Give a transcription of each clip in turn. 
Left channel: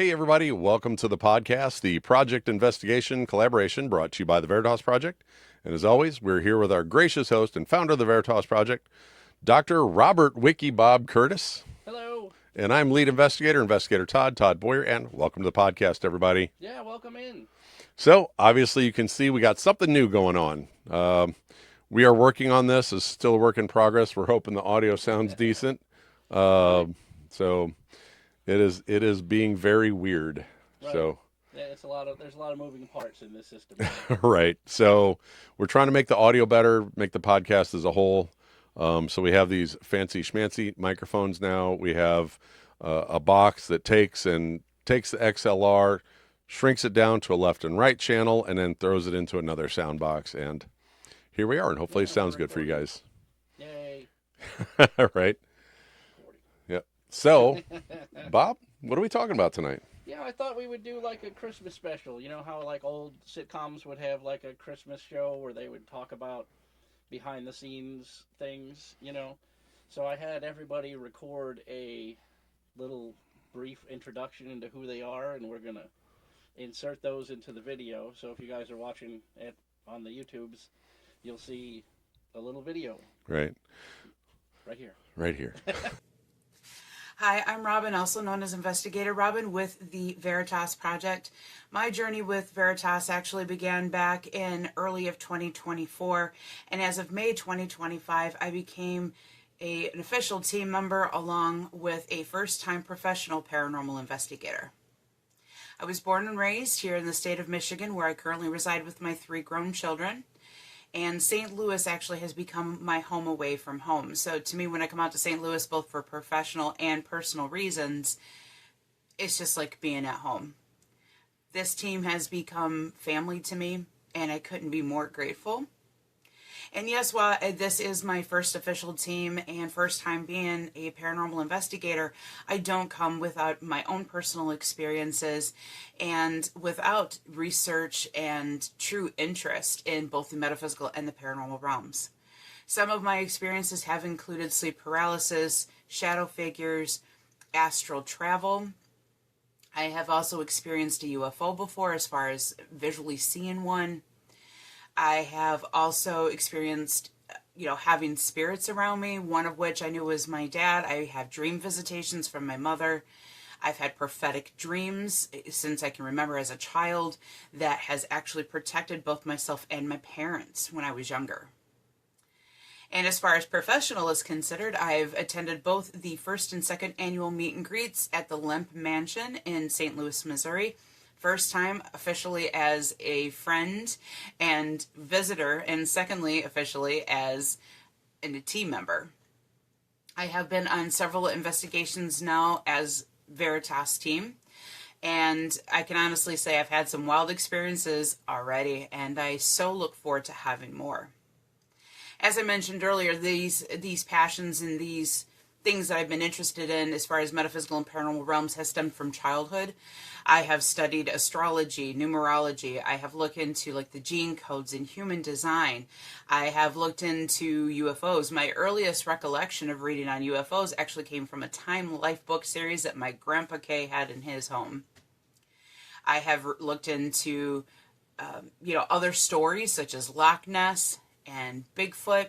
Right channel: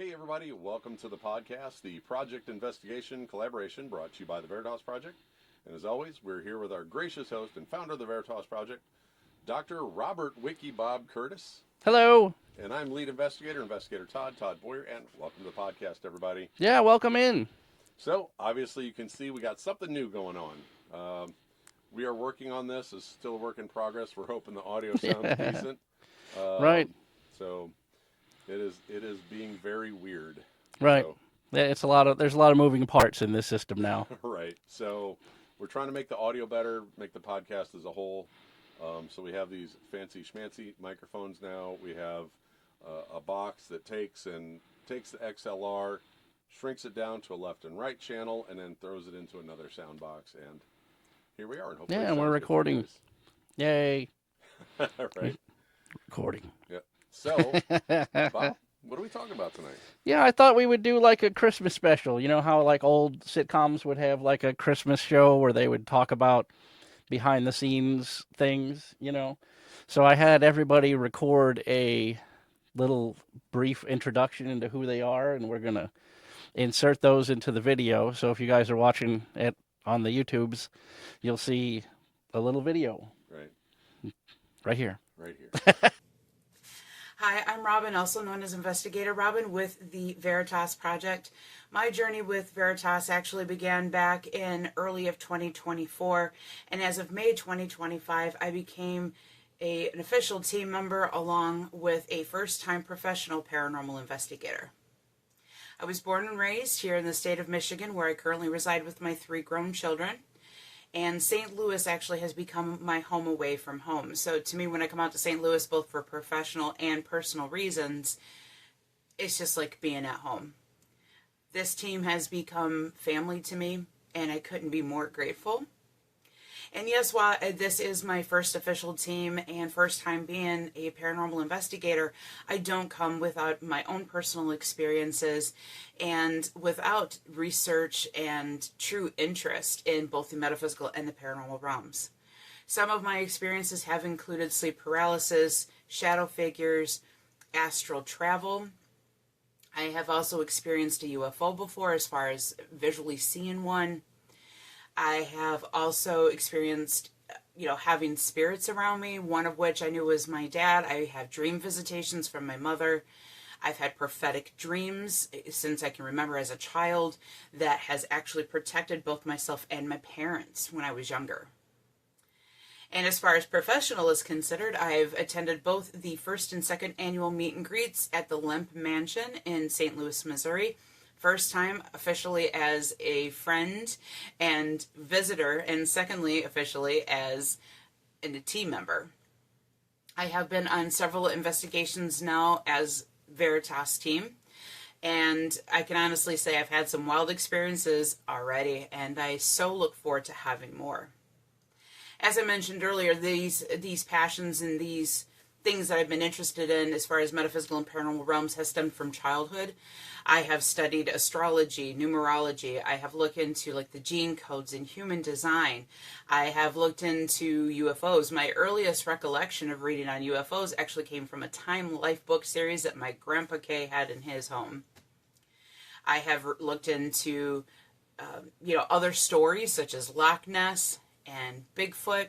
Hey, everybody, welcome to the podcast, the Project Investigation Collaboration brought to you by the Veritas Project. And as always, we're here with our gracious host and founder of the Veritas Project, Dr. Robert Wiki Bob Curtis. Hello. And I'm lead investigator, Investigator Todd Boyer, and welcome to the podcast, everybody. Yeah, welcome in. So, obviously, you can see we got something new going on. We are working on this. It's still a work in progress. We're hoping the audio sounds decent. Right. So it is being very weird. Right. So, Yeah, there's a lot of moving parts in this system now. right. So we're trying to make the audio better, make the podcast as a whole. So we have these fancy schmancy microphones now. We have a box that takes the XLR, shrinks it down to a left and right channel, and then throws it into another sound box. And here we are. And hopefully Yeah, it sounds we're good for you recording. guys. Yay. Right. Recording. Yep. So, Bob, what are we talking about tonight? Yeah, I thought we would do like a Christmas special. You know how like old sitcoms would have like a Christmas show where they would talk about behind the scenes things, you know? So I had everybody record a little brief introduction into who they are, and we're going to insert those into the video. So if you guys are watching it on the YouTubes, you'll see a little video Right. right here. Right here. Hi, I'm Robin, also known as Investigator Robin with the Veritas Project. My journey with Veritas actually began back in early of 2024, and as of May 2025, I became an official team member along with a first-time professional paranormal investigator. I was born and raised here in the state of Michigan, where I currently reside with my 3 grown children. And St. Louis actually has become my home away from home. So to me, when I come out to St. Louis, both for professional and personal reasons, it's just like being at home. This team has become family to me, and I couldn't be more grateful. And yes, while this is my first official team and first time being a paranormal investigator, I don't come without my own personal experiences and without research and true interest in both the metaphysical and the paranormal realms. Some of my experiences have included sleep paralysis, shadow figures, astral travel. I have also experienced a UFO before as far as visually seeing one. I have also experienced, having spirits around me, one of which I knew was my dad. I have dream visitations from my mother. I've had prophetic dreams since I can remember as a child that has actually protected both myself and my parents when I was younger. And as far as professional is considered, I've attended both the first and second annual meet and greets at the Lemp Mansion in St. Louis, Missouri. First time officially as a friend and visitor, and secondly officially as a team member. I have been on several investigations now as Veritas team, and I can honestly say I've had some wild experiences already, and I so look forward to having more. As I mentioned earlier, these passions and these things that I've been interested in as far as metaphysical and paranormal realms has stemmed from childhood. I have studied astrology, numerology. I have looked into like the gene codes in human design. I have looked into UFOs. My earliest recollection of reading on UFOs actually came from a Time Life book series that my Grandpa K had in his home. I have looked into, other stories such as Loch Ness and Bigfoot,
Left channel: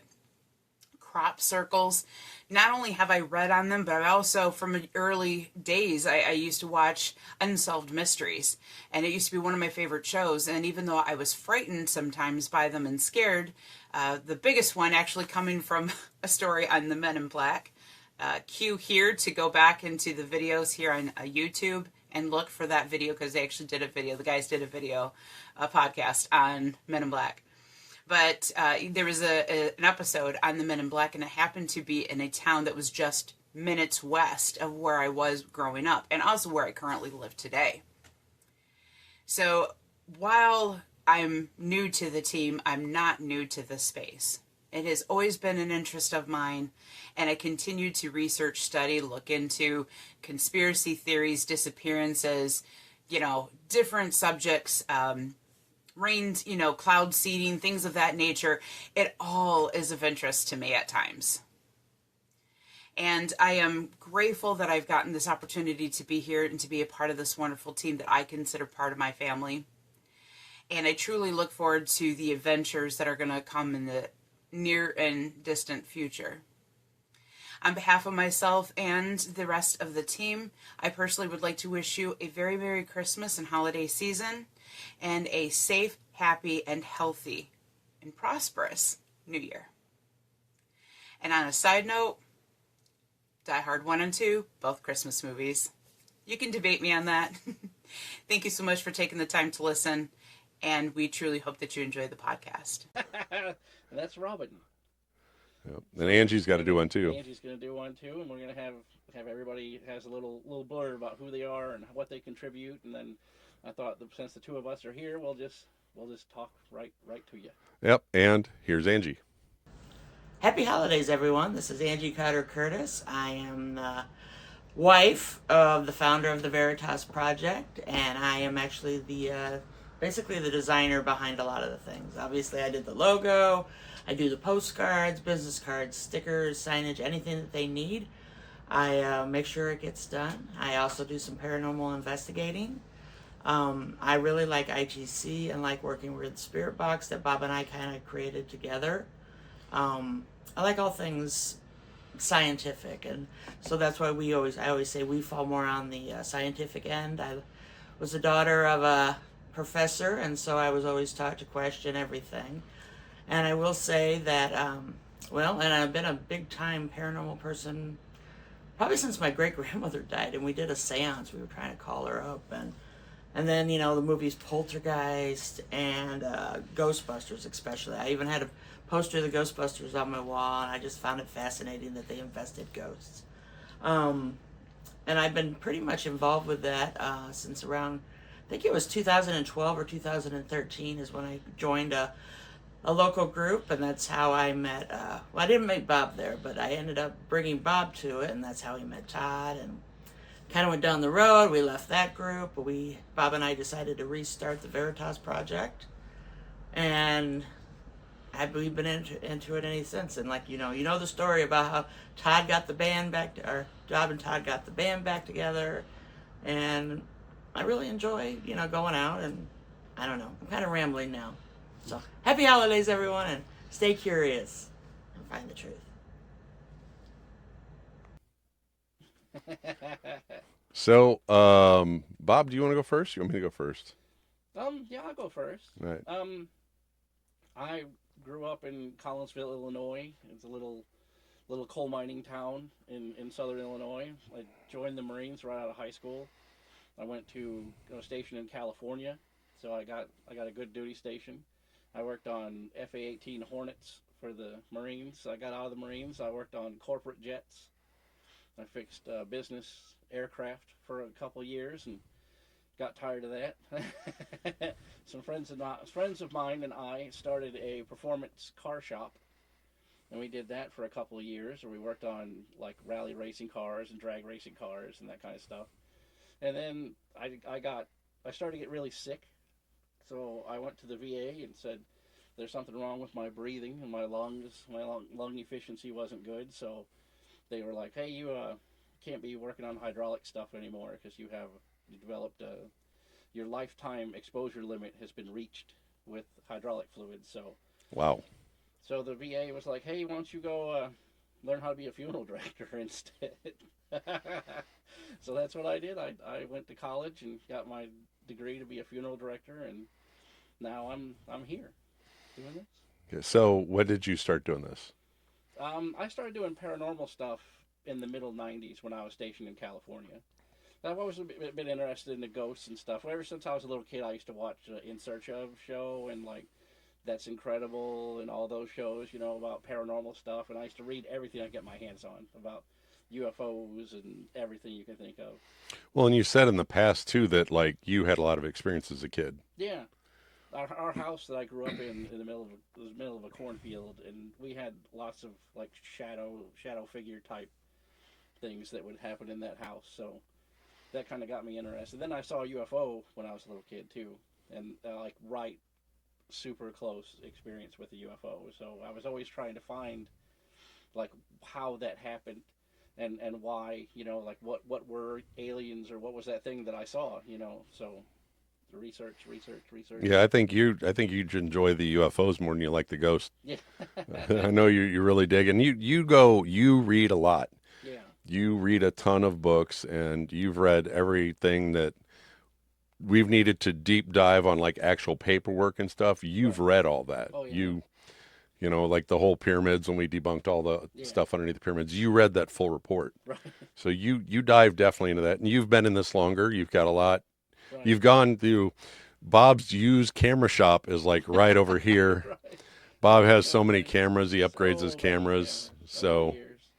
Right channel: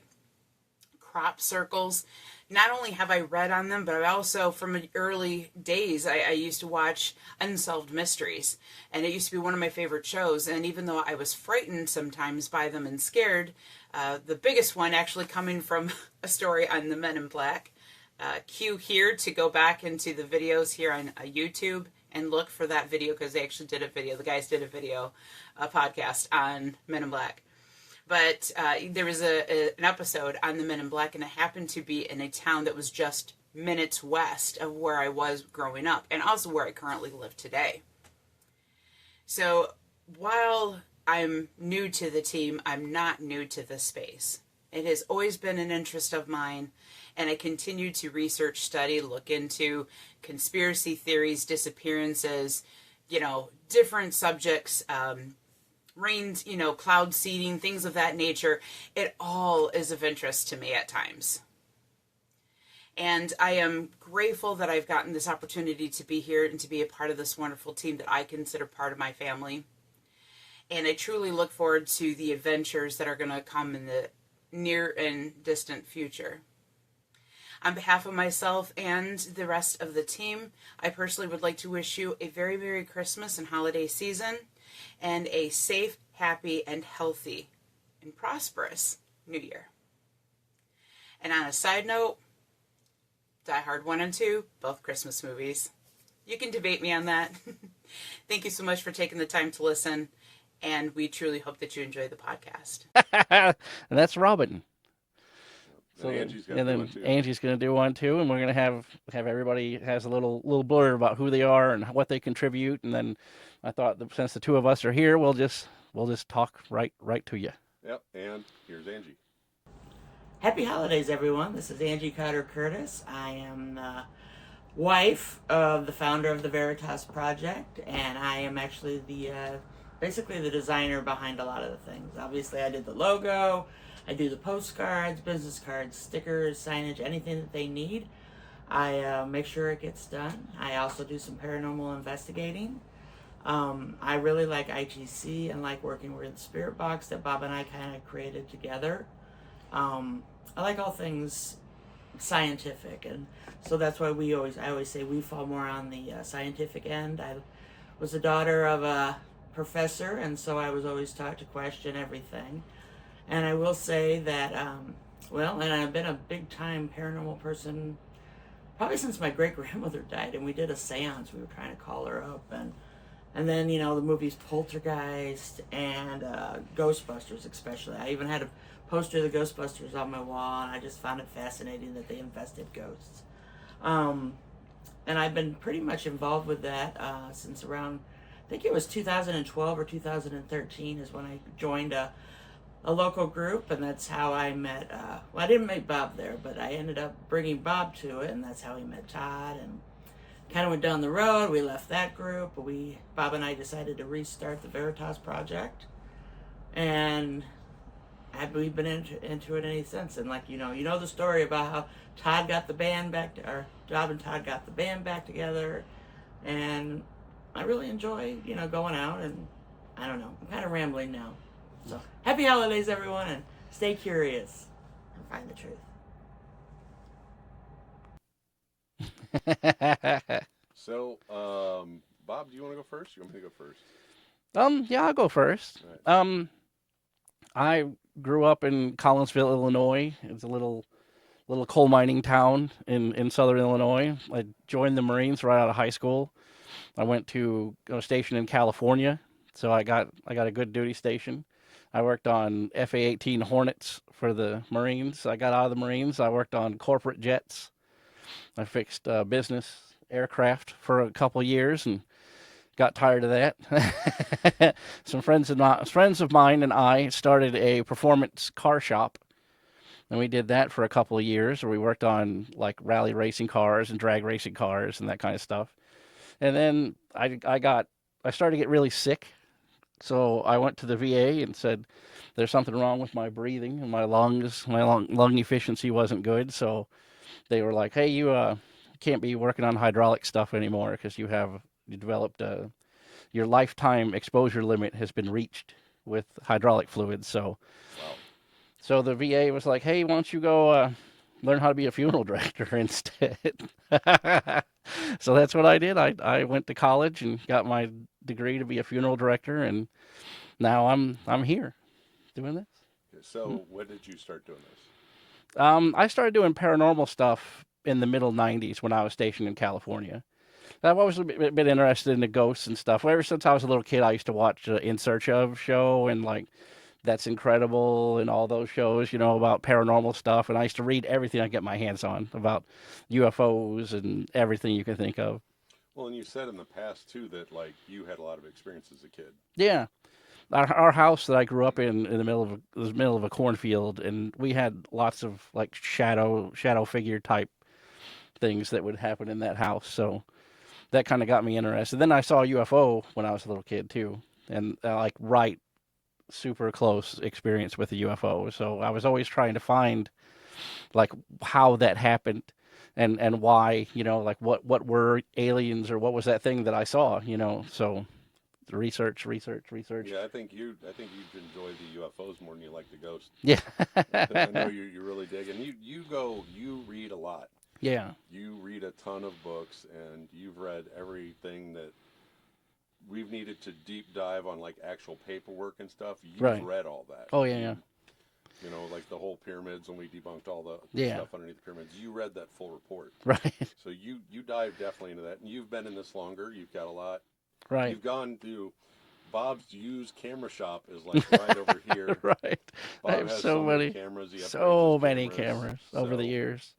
crop circles. Not only have I read on them, but I also, from early days, I used to watch Unsolved Mysteries. And it used to be one of my favorite shows. And even though I was frightened sometimes by them and scared, the biggest one actually coming from a story on the Men in Black. Cue here to go back into the videos here on YouTube and look for that video, because they actually did a video. The guys did a podcast on Men in Black. But there was an episode on the Men in Black, and it happened to be in a town that was just minutes west of where I was growing up, and also where I currently live today. So while I'm new to the team, I'm not new to the space. It has always been an interest of mine, and I continue to research, study, look into conspiracy theories, disappearances, different subjects, rains, cloud seeding, things of that nature. It all is of interest to me at times. And I am grateful that I've gotten this opportunity to be here and to be a part of this wonderful team that I consider part of my family. And I truly look forward to the adventures that are going to come in the near and distant future. On behalf of myself and the rest of the team, I personally would like to wish you a very Merry Christmas and holiday season and a safe, happy, and healthy and prosperous New Year. And on a side note, Die Hard 1 and 2, both Christmas movies. You can debate me on that. Thank you so much for taking the time to listen, and we truly hope that you enjoy the podcast. And that's Robin. Yep. And Angie's got to do one too. Angie's going to do one too, and we're going to have everybody has a little blurb about who they are and what they contribute, and then I thought that since the two of us are here, we'll just talk right to you. Yep. And here's Angie. Happy holidays, everyone. This is Angie Carter Curtis. I am the wife of the founder of the Veritas Project, and I am actually basically the designer behind a lot of the things. Obviously, I did the logo, I do the postcards, business cards, stickers, signage, anything that they need. I make sure it gets done. I also do some paranormal investigating. I really like ITC and like working with Spirit Box that Bob and I kind of created together. I like all things scientific, and so that's why I always say we fall more on the scientific end. I was the daughter of a professor, and so I was always taught to question everything. And I will say that, and I've been a big time paranormal person probably since my great grandmother died, and we did a seance. We were trying to call her up, and then, the movies Poltergeist and Ghostbusters especially. I even had a poster of the Ghostbusters on my wall, and I just found it fascinating that they invested ghosts. And I've been pretty much involved with that since around, I think it was 2012 or 2013 is when I joined a local group, and that's how I met, I didn't meet Bob there, but I ended up bringing Bob to it, and that's how he met Todd, and kind of went down the road. We left that group, but Bob and I decided to restart the Veritas Project, and we've been into it any since. And you know the story about how Todd got the band back, or Bob and Todd got the band back together, and I really enjoy going out, and I don't know, I'm kind of rambling now. So happy holidays, everyone, and stay curious and find the truth. So, Bob, do you want to go first? You want me to go first? Yeah, I'll go first. All right. I grew up in Collinsville, Illinois. It's a little coal mining town in southern Illinois. I joined the Marines right out of high school. I went to a station in California, so I got a good duty station. I worked on FA-18 Hornets for the Marines. I got out of the Marines. I worked on corporate jets. I fixed business aircraft for a couple years and got tired of that. Some friends of mine and I started a performance car shop, and we did that for a couple of years, where we worked on like rally racing cars and drag racing cars and that kind of stuff. And then I started to get really sick, so I went to the VA and said there's something wrong with my breathing and my lungs. My lung efficiency wasn't good, so they were like, hey, you can't be working on hydraulic stuff anymore because you developed your lifetime exposure limit has been reached with hydraulic fluids. So Wow. So the VA was like, hey, why don't you go learn how to be a funeral director instead? So that's what I did. I went to college and got my degree to be a funeral director, and now I'm here doing this. Okay, so when did you start doing this? I started doing paranormal stuff in the middle 90s when I was stationed in California. I've always been interested in the ghosts and stuff. Ever since I was a little kid, I used to watch In Search Of show and like That's Incredible and all those shows, about paranormal stuff. And I used to read everything I get my hands on about UFOs and everything you can think of. Well, and you said in the past too that like you had a lot of experience as a kid. Yeah. Our house that I grew up in the middle of a cornfield, and we had lots of like shadow figure type things that would happen in that house. So that kind of got me interested. Then I saw a UFO when I was a little kid too, and super close experience with a UFO. So I was always trying to find like how that happened. and why, like what were aliens, or what was that thing that I saw, so research. Yeah, I think you'd enjoy the UFOs more than you like the ghosts. Yeah. I know you really dig, and you read a lot. Yeah. You read a ton of books, and you've read everything that we've needed to deep dive on, like actual paperwork and stuff. You've Right. read all that. Oh, yeah. You know, like the whole pyramids, when we debunked all the Yeah. stuff underneath the pyramids. You read that full report. Right. So you dive definitely into that, and you've been in this longer. You've got a lot. Right. You've gone through. Bob's used camera shop is like right over here. Right. Bob There's has so many cameras. He upgrades so his many cameras. over So the years.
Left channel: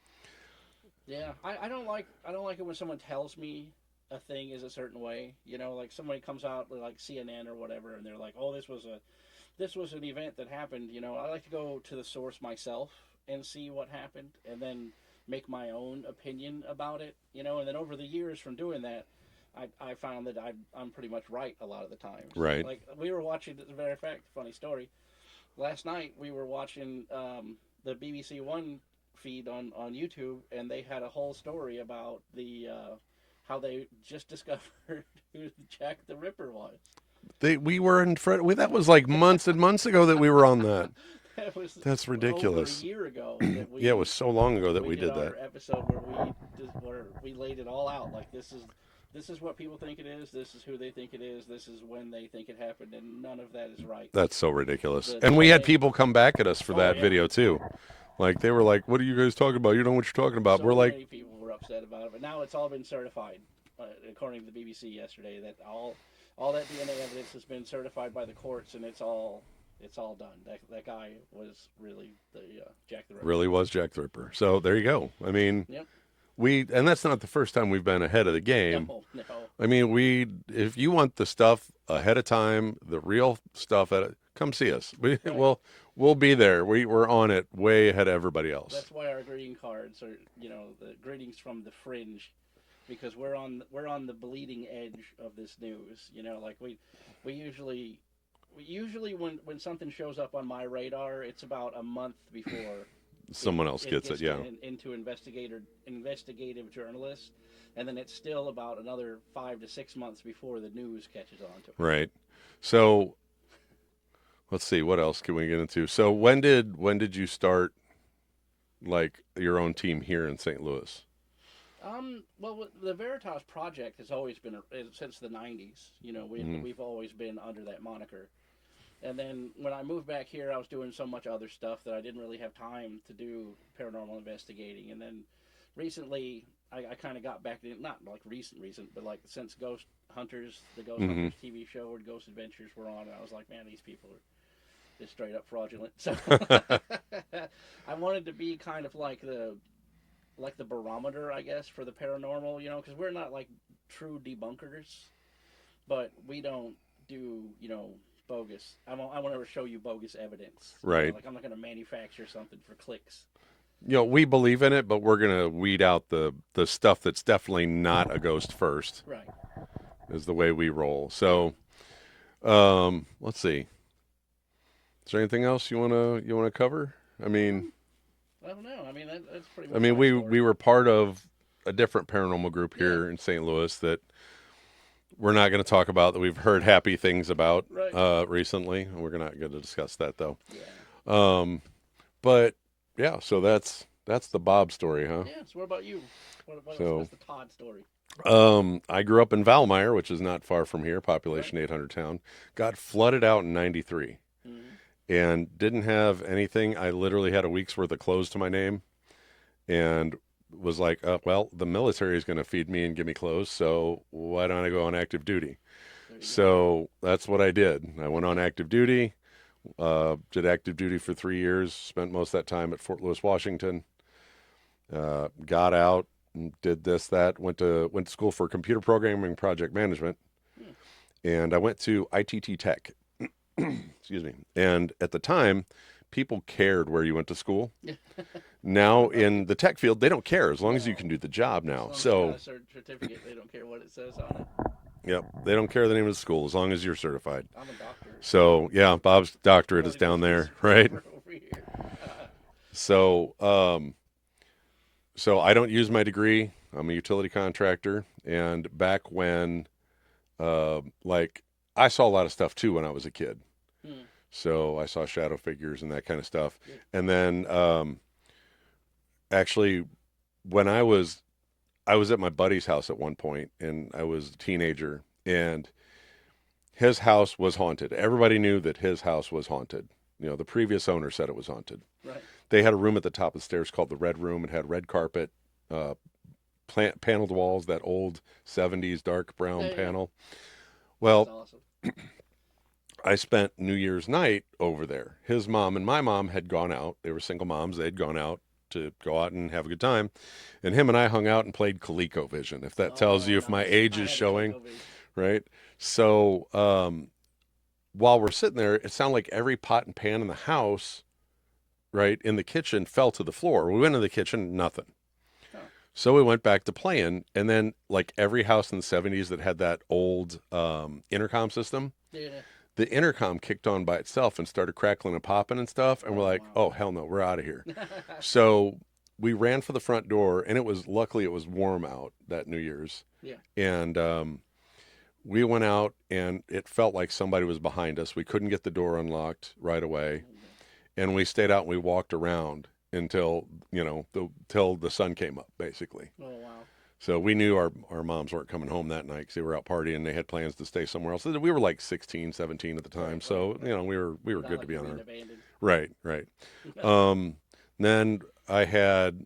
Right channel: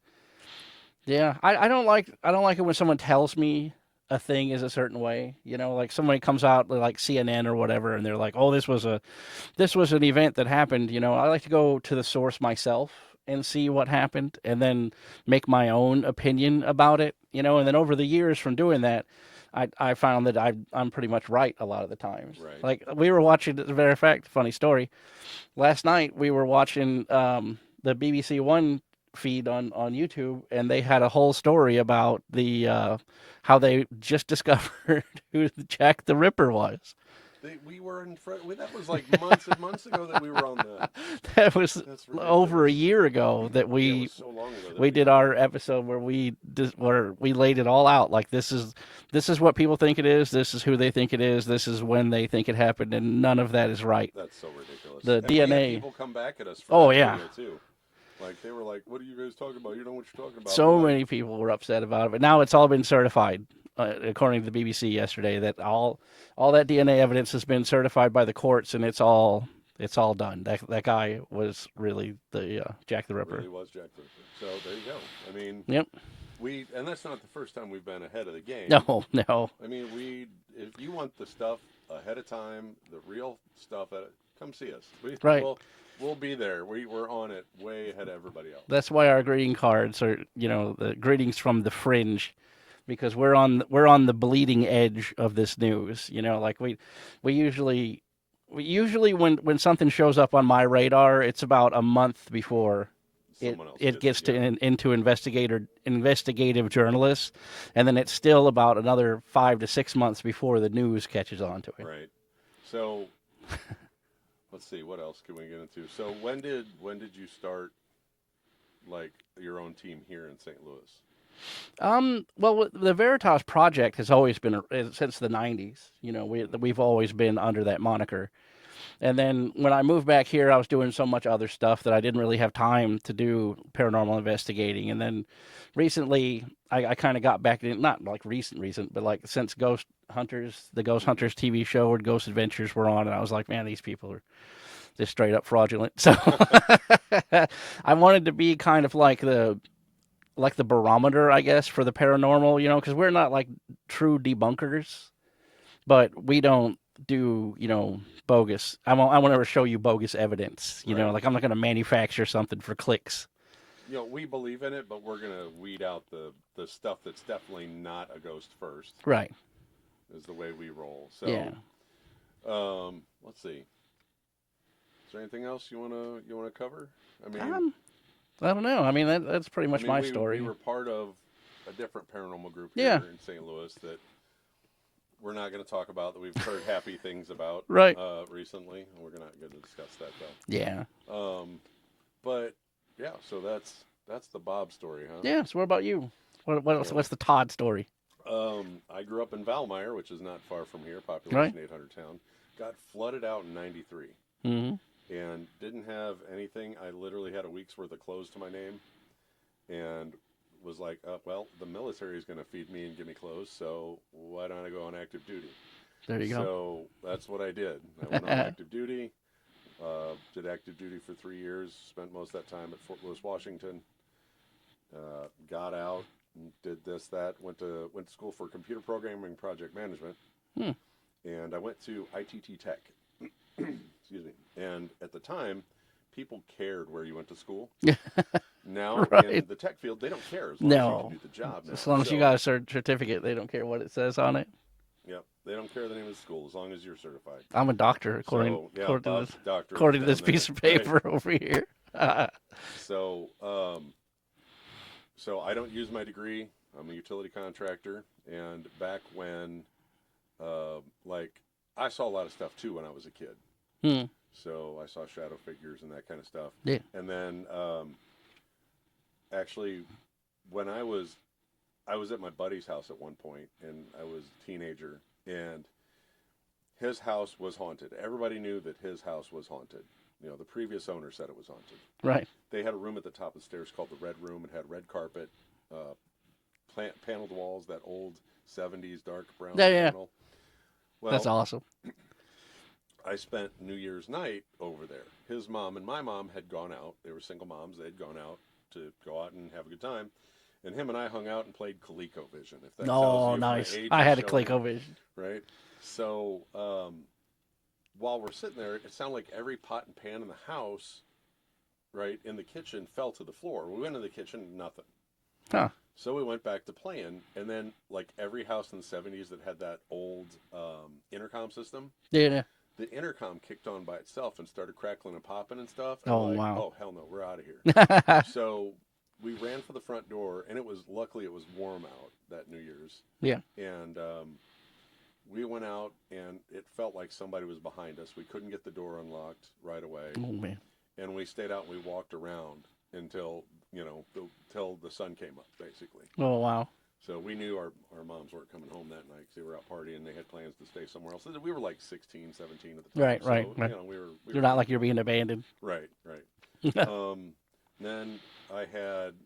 Yeah, I don't like it when someone tells me a thing is a certain way. Like somebody comes out like CNN or whatever, and they're like, "Oh, this was an event that happened." I like to go to the source myself and see what happened, and then make my own opinion about it. And then over the years from doing that, I found that I'm pretty much right a lot of the times. Right. Like we were watching, as a matter of fact, funny story. Last night we were watching the BBC One feed on YouTube, and they had a whole story about the how they just discovered who Jack the Ripper was. we were in front. That was like months and months ago that we were on that. That's ridiculous. Over a year ago that we. Yeah, it was so long ago that we did our that. episode where we laid it all out. Like this is what people think it is. This is who they think it is. This is when they think it happened, and none of that is right. That's so ridiculous. The And we had DNA people come back at us for that video too. Like they were like, "What are you guys talking about? You don't know what you're talking about." So we're many like, people were upset about it, but now it's all been certified, according to the BBC yesterday. That all that DNA evidence has been certified by the courts, and it's all done. That guy was really the Jack the Ripper. really was Jack the Ripper. So there you go. I mean, Yep. and that's not the first time we've been ahead of the game. No. I mean, if you want the stuff ahead of time, the real stuff, come see us. Right. We'll be there. We're on it way ahead of everybody else. That's why our greeting cards are, the greetings from the fringe, because we're on the bleeding edge of this news. Like we usually when something shows up on my radar, it's about a month before someone else it gets it, yeah. into investigative journalists, and then it's still about another 5 to 6 months before the news catches on to it. Right. So let's see, what else can we get into? So when did you start like your own team here in St. Louis? Well, the Veritas Project has always been since the 90s. We've always been under that moniker. And then when I moved back here, I was doing so much other stuff that I didn't really have time to do paranormal investigating. And then recently, I kind of got back in, not like recent, but like since Ghost Hunters, the Ghost Hunters TV show or Ghost Adventures were on, and I was like, man, these people are just straight up fraudulent. So I wanted to be kind of like the barometer, I guess, for the paranormal, because we're not like true debunkers, but we don't do, bogus. I won't ever show you bogus evidence. You know, like I'm not going to manufacture something for clicks. We believe in it, but we're going to weed out the stuff that's definitely not a ghost first. Right. Is the way we roll. So, let's see. Is there anything else you wanna cover? I mean, I don't know. I mean, that's pretty much. My we story. we were part of a different paranormal group here in St. Louis that we're not going to talk about, that we've heard happy things about recently. We're not going to discuss that though. Yeah. But yeah, so that's the Bob story, huh? Yeah. So what about you? What's the Todd story? I grew up in Valmeyer, which is not far from here, population 800 town. Got flooded out in '93. Mm-hmm. And didn't have anything. I literally had a week's worth of clothes to my name, and was like, well, the military is going to feed me and give me clothes, so why don't I go on active duty? There you go. So that's what I did. I went on active duty, did active duty for 3 years, spent most of that time at Fort Lewis, Washington, got out and did this, that, went to school for computer programming, project management, and I went to ITT Tech. Excuse me. And at the time, people cared where you went to school. Now in the tech field, they don't care as long as you can do the job now. As long as you got a certificate, they don't care what it says on it. Yep. They don't care the name of the school as long as you're certified. I'm a doctor. So yeah, Bob's doctorate is down there. Piece of paper over here. So so I don't use my degree. I'm a utility contractor, and back when, like, I saw a lot of stuff too when I was a kid. Hmm. So I saw shadow figures and that kind of stuff. Yeah. And then, actually, when I was at my buddy's house at one point, and I was a teenager, and his house was haunted. Everybody knew that his house was haunted. You know, the previous owner said it was haunted. Right. They had a room at the top of the stairs called the Red Room. It had red carpet, uh, paneled walls, that old 70s dark brown Yeah. panel. That's Well, awesome. I spent New Year's night over there. His mom and my mom had gone out. They were single moms. They'd gone out to go out and have a good time. And him and I hung out and played ColecoVision, if that tells you if my Nice. age I is had showing. a ColecoVision. Right? So, while we're sitting there, it sounded like every pot and pan in the house, right, in the kitchen fell to the floor. We went in the kitchen, nothing. Huh. So we went back to playing, and then like every house in the 70s that had that old intercom system, Yeah. the intercom kicked on by itself and started crackling and popping and stuff. And Oh, we're like, wow. oh, hell no, we're out of here. So we ran for the front door, and luckily it was warm out that New Year's. Yeah. And we went out, and it felt like somebody was behind us. We couldn't get the door unlocked right away. Oh, man. And we stayed out and we walked around until, till the sun came up, basically. Oh, wow. So we knew our moms weren't coming home that night because they were out partying. They had plans to stay somewhere else. We were like 16, 17 at the time. Right, so, right. we were You're not good like you're being together. abandoned. Right. Then I had,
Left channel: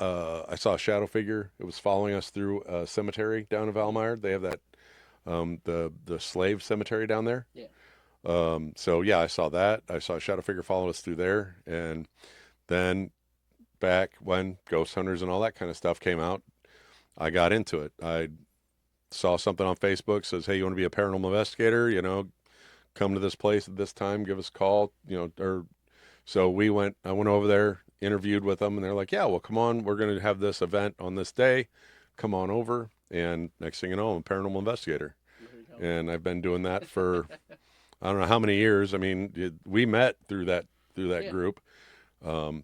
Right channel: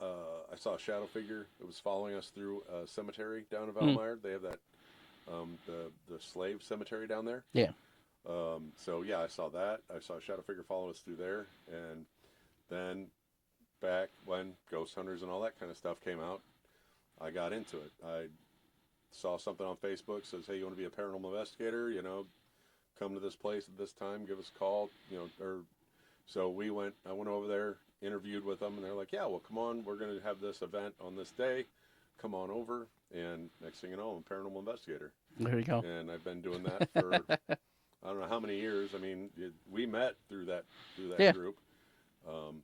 I saw a shadow figure. It was following us through a cemetery down in Valmeyer. They have that, the slave cemetery down there. Yeah. So yeah, I saw that. I saw a shadow figure follow us through there. And then back when ghost hunters and all that kind of stuff came out, I got into it. I saw something on Facebook says, hey, you want to be a paranormal investigator? Come to this place at this time, give us a call, so I went over there, interviewed with them, and they're like, yeah, well, come on. We're going to have this event on this day. Come on over. And next thing you know, I'm a paranormal investigator. There you go. And I've been doing that for, I don't know how many years. I mean, we met through that Yeah. group,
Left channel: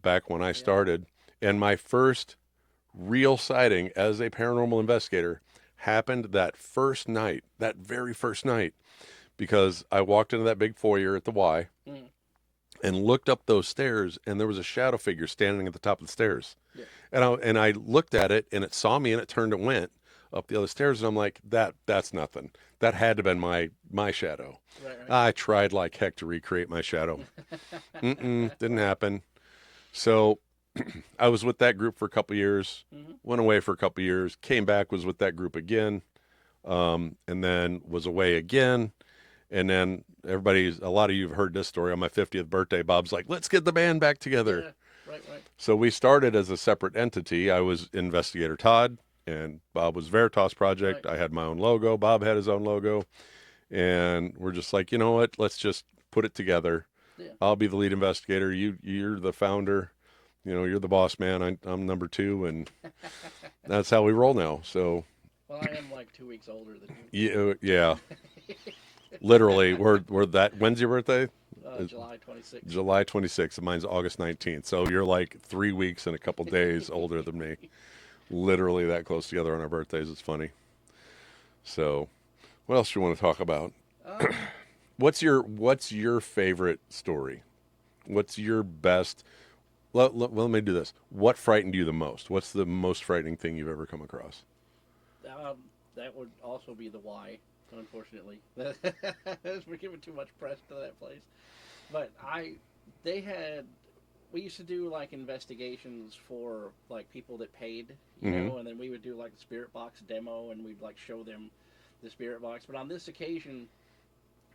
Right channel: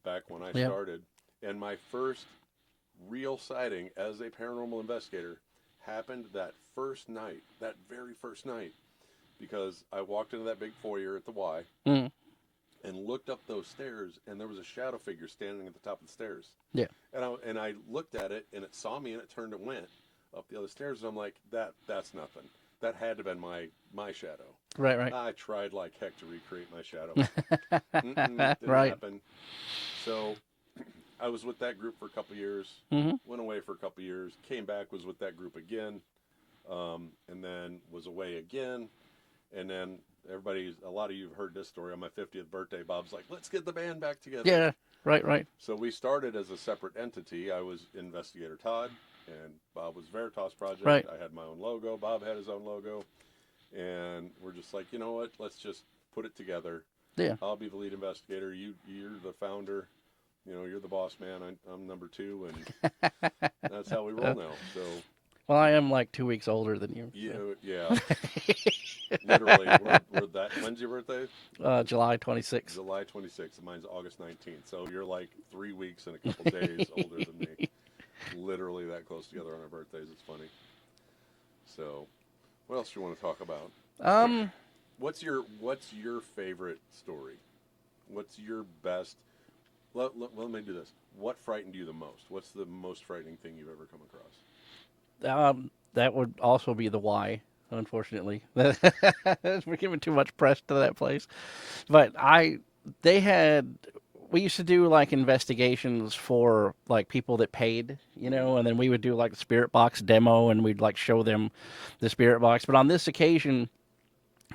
back when I started. And my first real sighting as a paranormal investigator happened that very first night, because I walked into that big foyer at the Y and looked up those stairs, and there was a shadow figure standing at the top of the stairs. Yeah. And I looked at it, and it saw me, and it turned and went up the other stairs, and I'm like, that's nothing. That had to have been my shadow. Right. I tried like heck to recreate my shadow. Didn't Right. happen. So I was with that group for a couple years, Mm-hmm. went away for a couple years, came back, was with that group again, and then was away again. And then a lot of you have heard this story. On my 50th birthday, Bob's like, let's get the band back together. Yeah. Right. So we started as a separate entity. I was investigator Todd, and Bob was Veritas Project. Right. I had my own logo. Bob had his own logo. And we're just like, you know what? Let's just put it together. Yeah. I'll be the lead investigator. You're the founder. You're the boss man. I'm number 2, and that's how we roll now. So Well, I am like 2 weeks older than you. yeah. Literally, we're that. When's your birthday? July 26th. July 26th, and mine's August 19th. So you're like 3 weeks and a couple days older than me. Literally that close together on our birthdays. It's funny. So, what else do you want to talk about? What's your favorite story? What's your best? Let me do this. What frightened you the most? What's the most frightening thing you've ever come across? That would also be the Y, unfortunately. We're giving too much press to that place. But we used to do like investigations for like people that paid, and then we would do like the spirit box demo, and we'd like show them the spirit box. But on this occasion,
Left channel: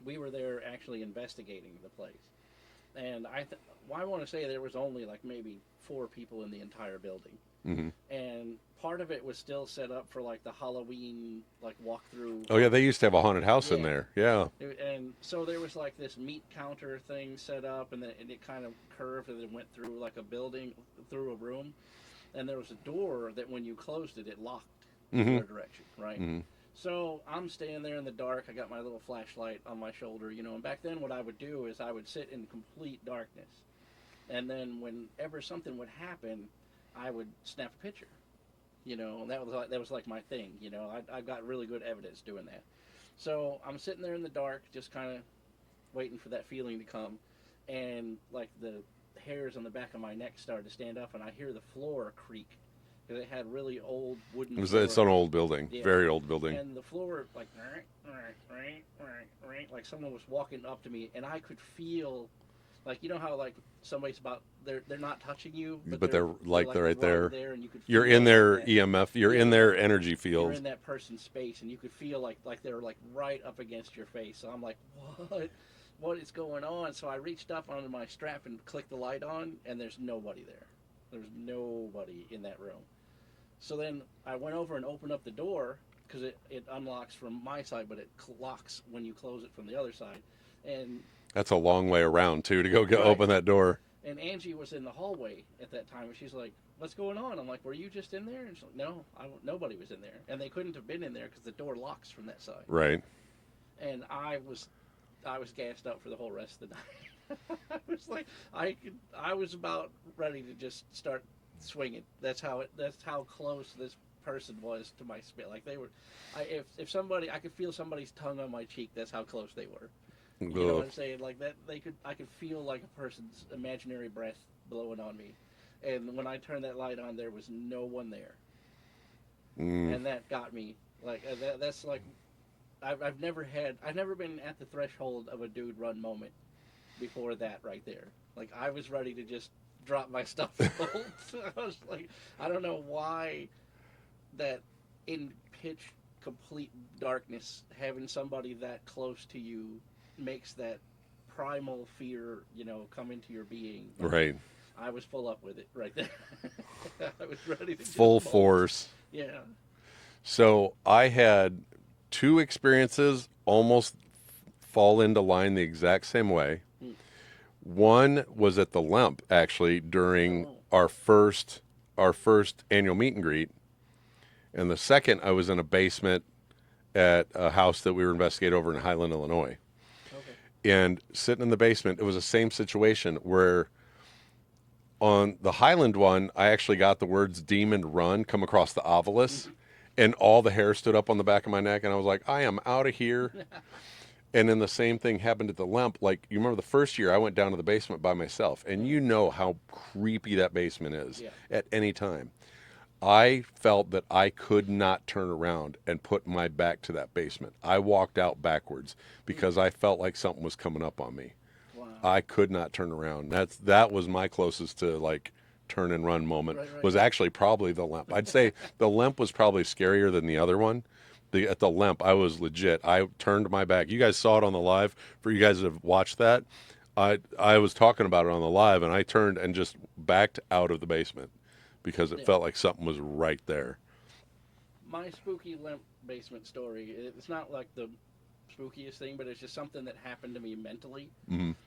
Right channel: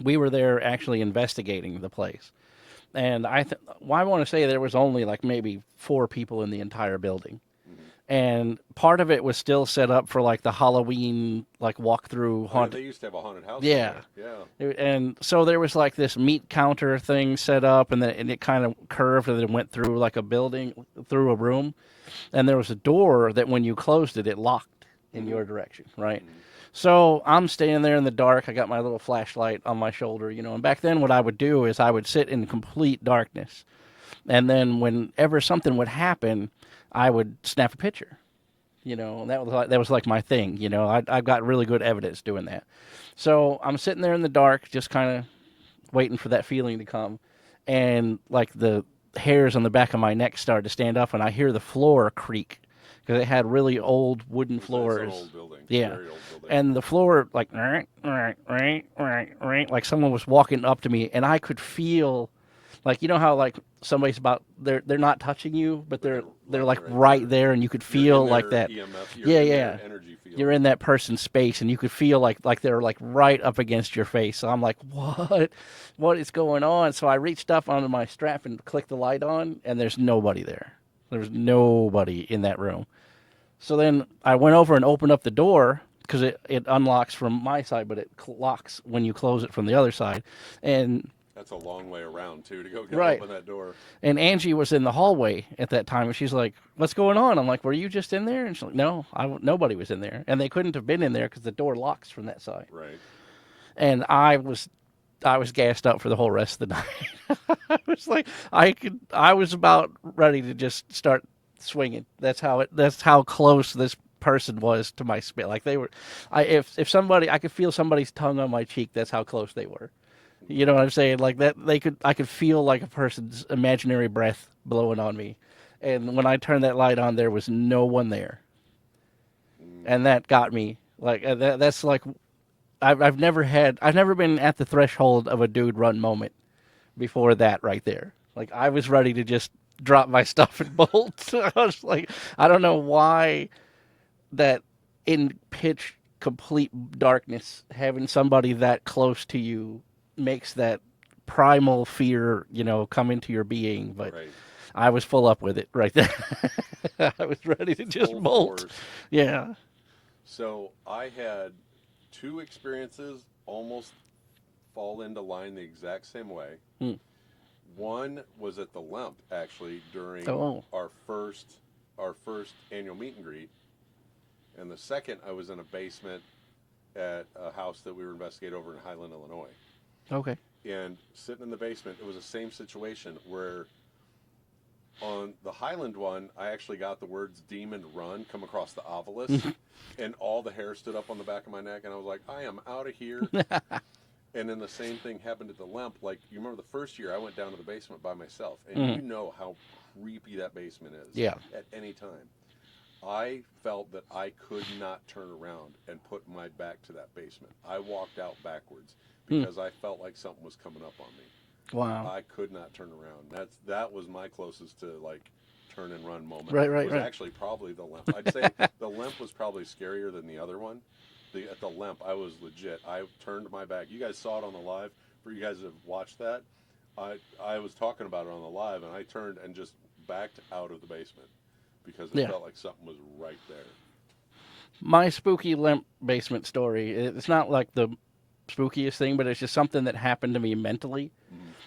we were there actually investigating the place. And I want to say there was only like maybe 4 people in the entire building. Mm-hmm. And part of it was still set up for like the Halloween like walkthrough. Oh yeah, they used to have a haunted house in Yeah. there. Yeah. And so there was like this meat counter thing set up, and it kind of curved, and then it went through like a building, through a room, and there was a door that when you closed it, it locked in your direction, right? Mm-hmm. So I'm standing there in the dark. I got my little flashlight on my shoulder, and back then what I would do is I would sit in complete darkness. And then whenever something would happen, I would snap a picture. That was like my thing. I've got really good evidence doing that. So I'm sitting there in the dark, just kind of waiting for that feeling to come, and like the hairs on the back of my neck started to stand up, and I hear the floor creak because it had really old wooden floors. It's an old building, Yeah. very old building. And the floor like like someone was walking up to me, and I could feel like how like somebody's about they're not touching you, but they're like right there, and you could feel you're in their like that EMF, you're in their energy field. You're in that person's space, and you could feel like they're like right up against your face. So I'm like, what is going on? So I reached up onto my strap and clicked the light on, and there's nobody there. There was nobody in that room. So then I went over and opened up the door because it unlocks from my side, but it locks when you close it from the other side. And that's a long way around too to go Right. open that door. And Angie was in the hallway at that time, and she's like, "What's going on?" I'm like, "Were you just in there?" And she's like, "No, nobody was in there, and they couldn't have been in there because the door locks from that side." Right. And I was gassed up for the whole rest of the night. I was like, I was about ready to just start swinging. That's how close this person was to my spit. Like they were, if somebody, I could feel somebody's tongue on my cheek. That's how close they were. You know what I'm saying? Like that, I could feel like a person's imaginary breath blowing on me. And when I turned that light on, there was no one there. And that got me. Like that's like, I've never been at the threshold of a dude run moment before that right there. Like I was ready to just drop my stuff and bolt. I was like, I don't know why that in pitch complete darkness, having somebody that close to you makes that primal fear, come into your being. But right. I was full up with it right there. I was ready to just full bolt. force. Yeah. So I had 2 experiences almost fall into line the exact same way. One was at the Lemp actually during our first annual meet and greet, and the second I was in a basement at a house that we were investigating over in Highland, Illinois. Okay. And sitting in the basement, it was the same situation where on the Highland one, I actually got the words "demon run" come across the obelisk, and all the hair stood up on the back of my neck, and I was like, I am out of here. And then the same thing happened at the Lemp. Like, you remember the first year I went down to the basement by myself, and you know how creepy that basement is at any time. I felt that I could not turn around and put my back to that basement. I walked out backwards because I felt like something was coming up on me. Wow. I could not turn around. That was my closest to like turn and run moment. Right. Actually probably the Lemp. I'd say the Lemp was probably scarier than the other one. At the Lemp, I was legit. I turned my back. You guys saw it on the live. For you guys that have watched that, I was talking about it on the live, and I turned and just backed out of the basement because it felt like something was right there. My spooky Lemp basement story, it's not like the spookiest thing, but it's just something that happened to me mentally.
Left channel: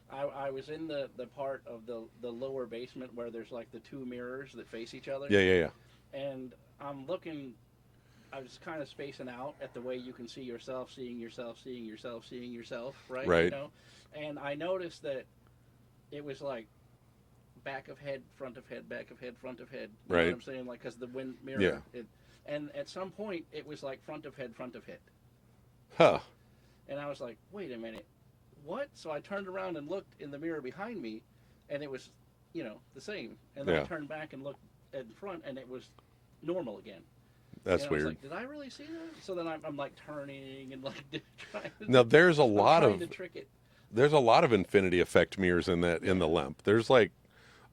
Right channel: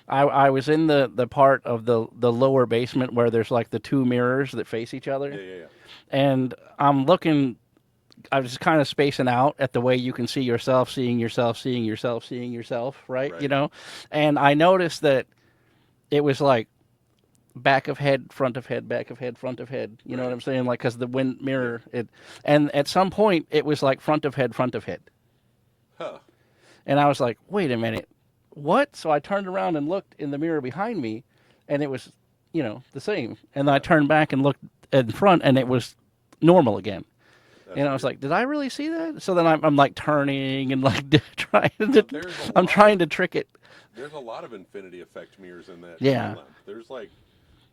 I was in the part of the lower basement where there's like the 2 mirrors that face each other. Yeah. And I'm looking, I was just kind of spacing out at the way you can see yourself, seeing yourself, seeing yourself, seeing yourself, right? And I noticed that it was like back of head, front of head, back of head, front of head. You know what I'm saying? Like, because the wind mirror, and at some point it was like front of head, front of head. Huh. And I was like, wait a minute, what? So I turned around and looked in the mirror behind me, and it was, the same. And then I turned back and looked in front, and it was normal again. That's and I was weird. like, did I really see that? So then I'm like turning and like trying to. No, there's a lot. I'm trying to trick it. There's a lot of infinity effect mirrors in that in the Lemp. There's like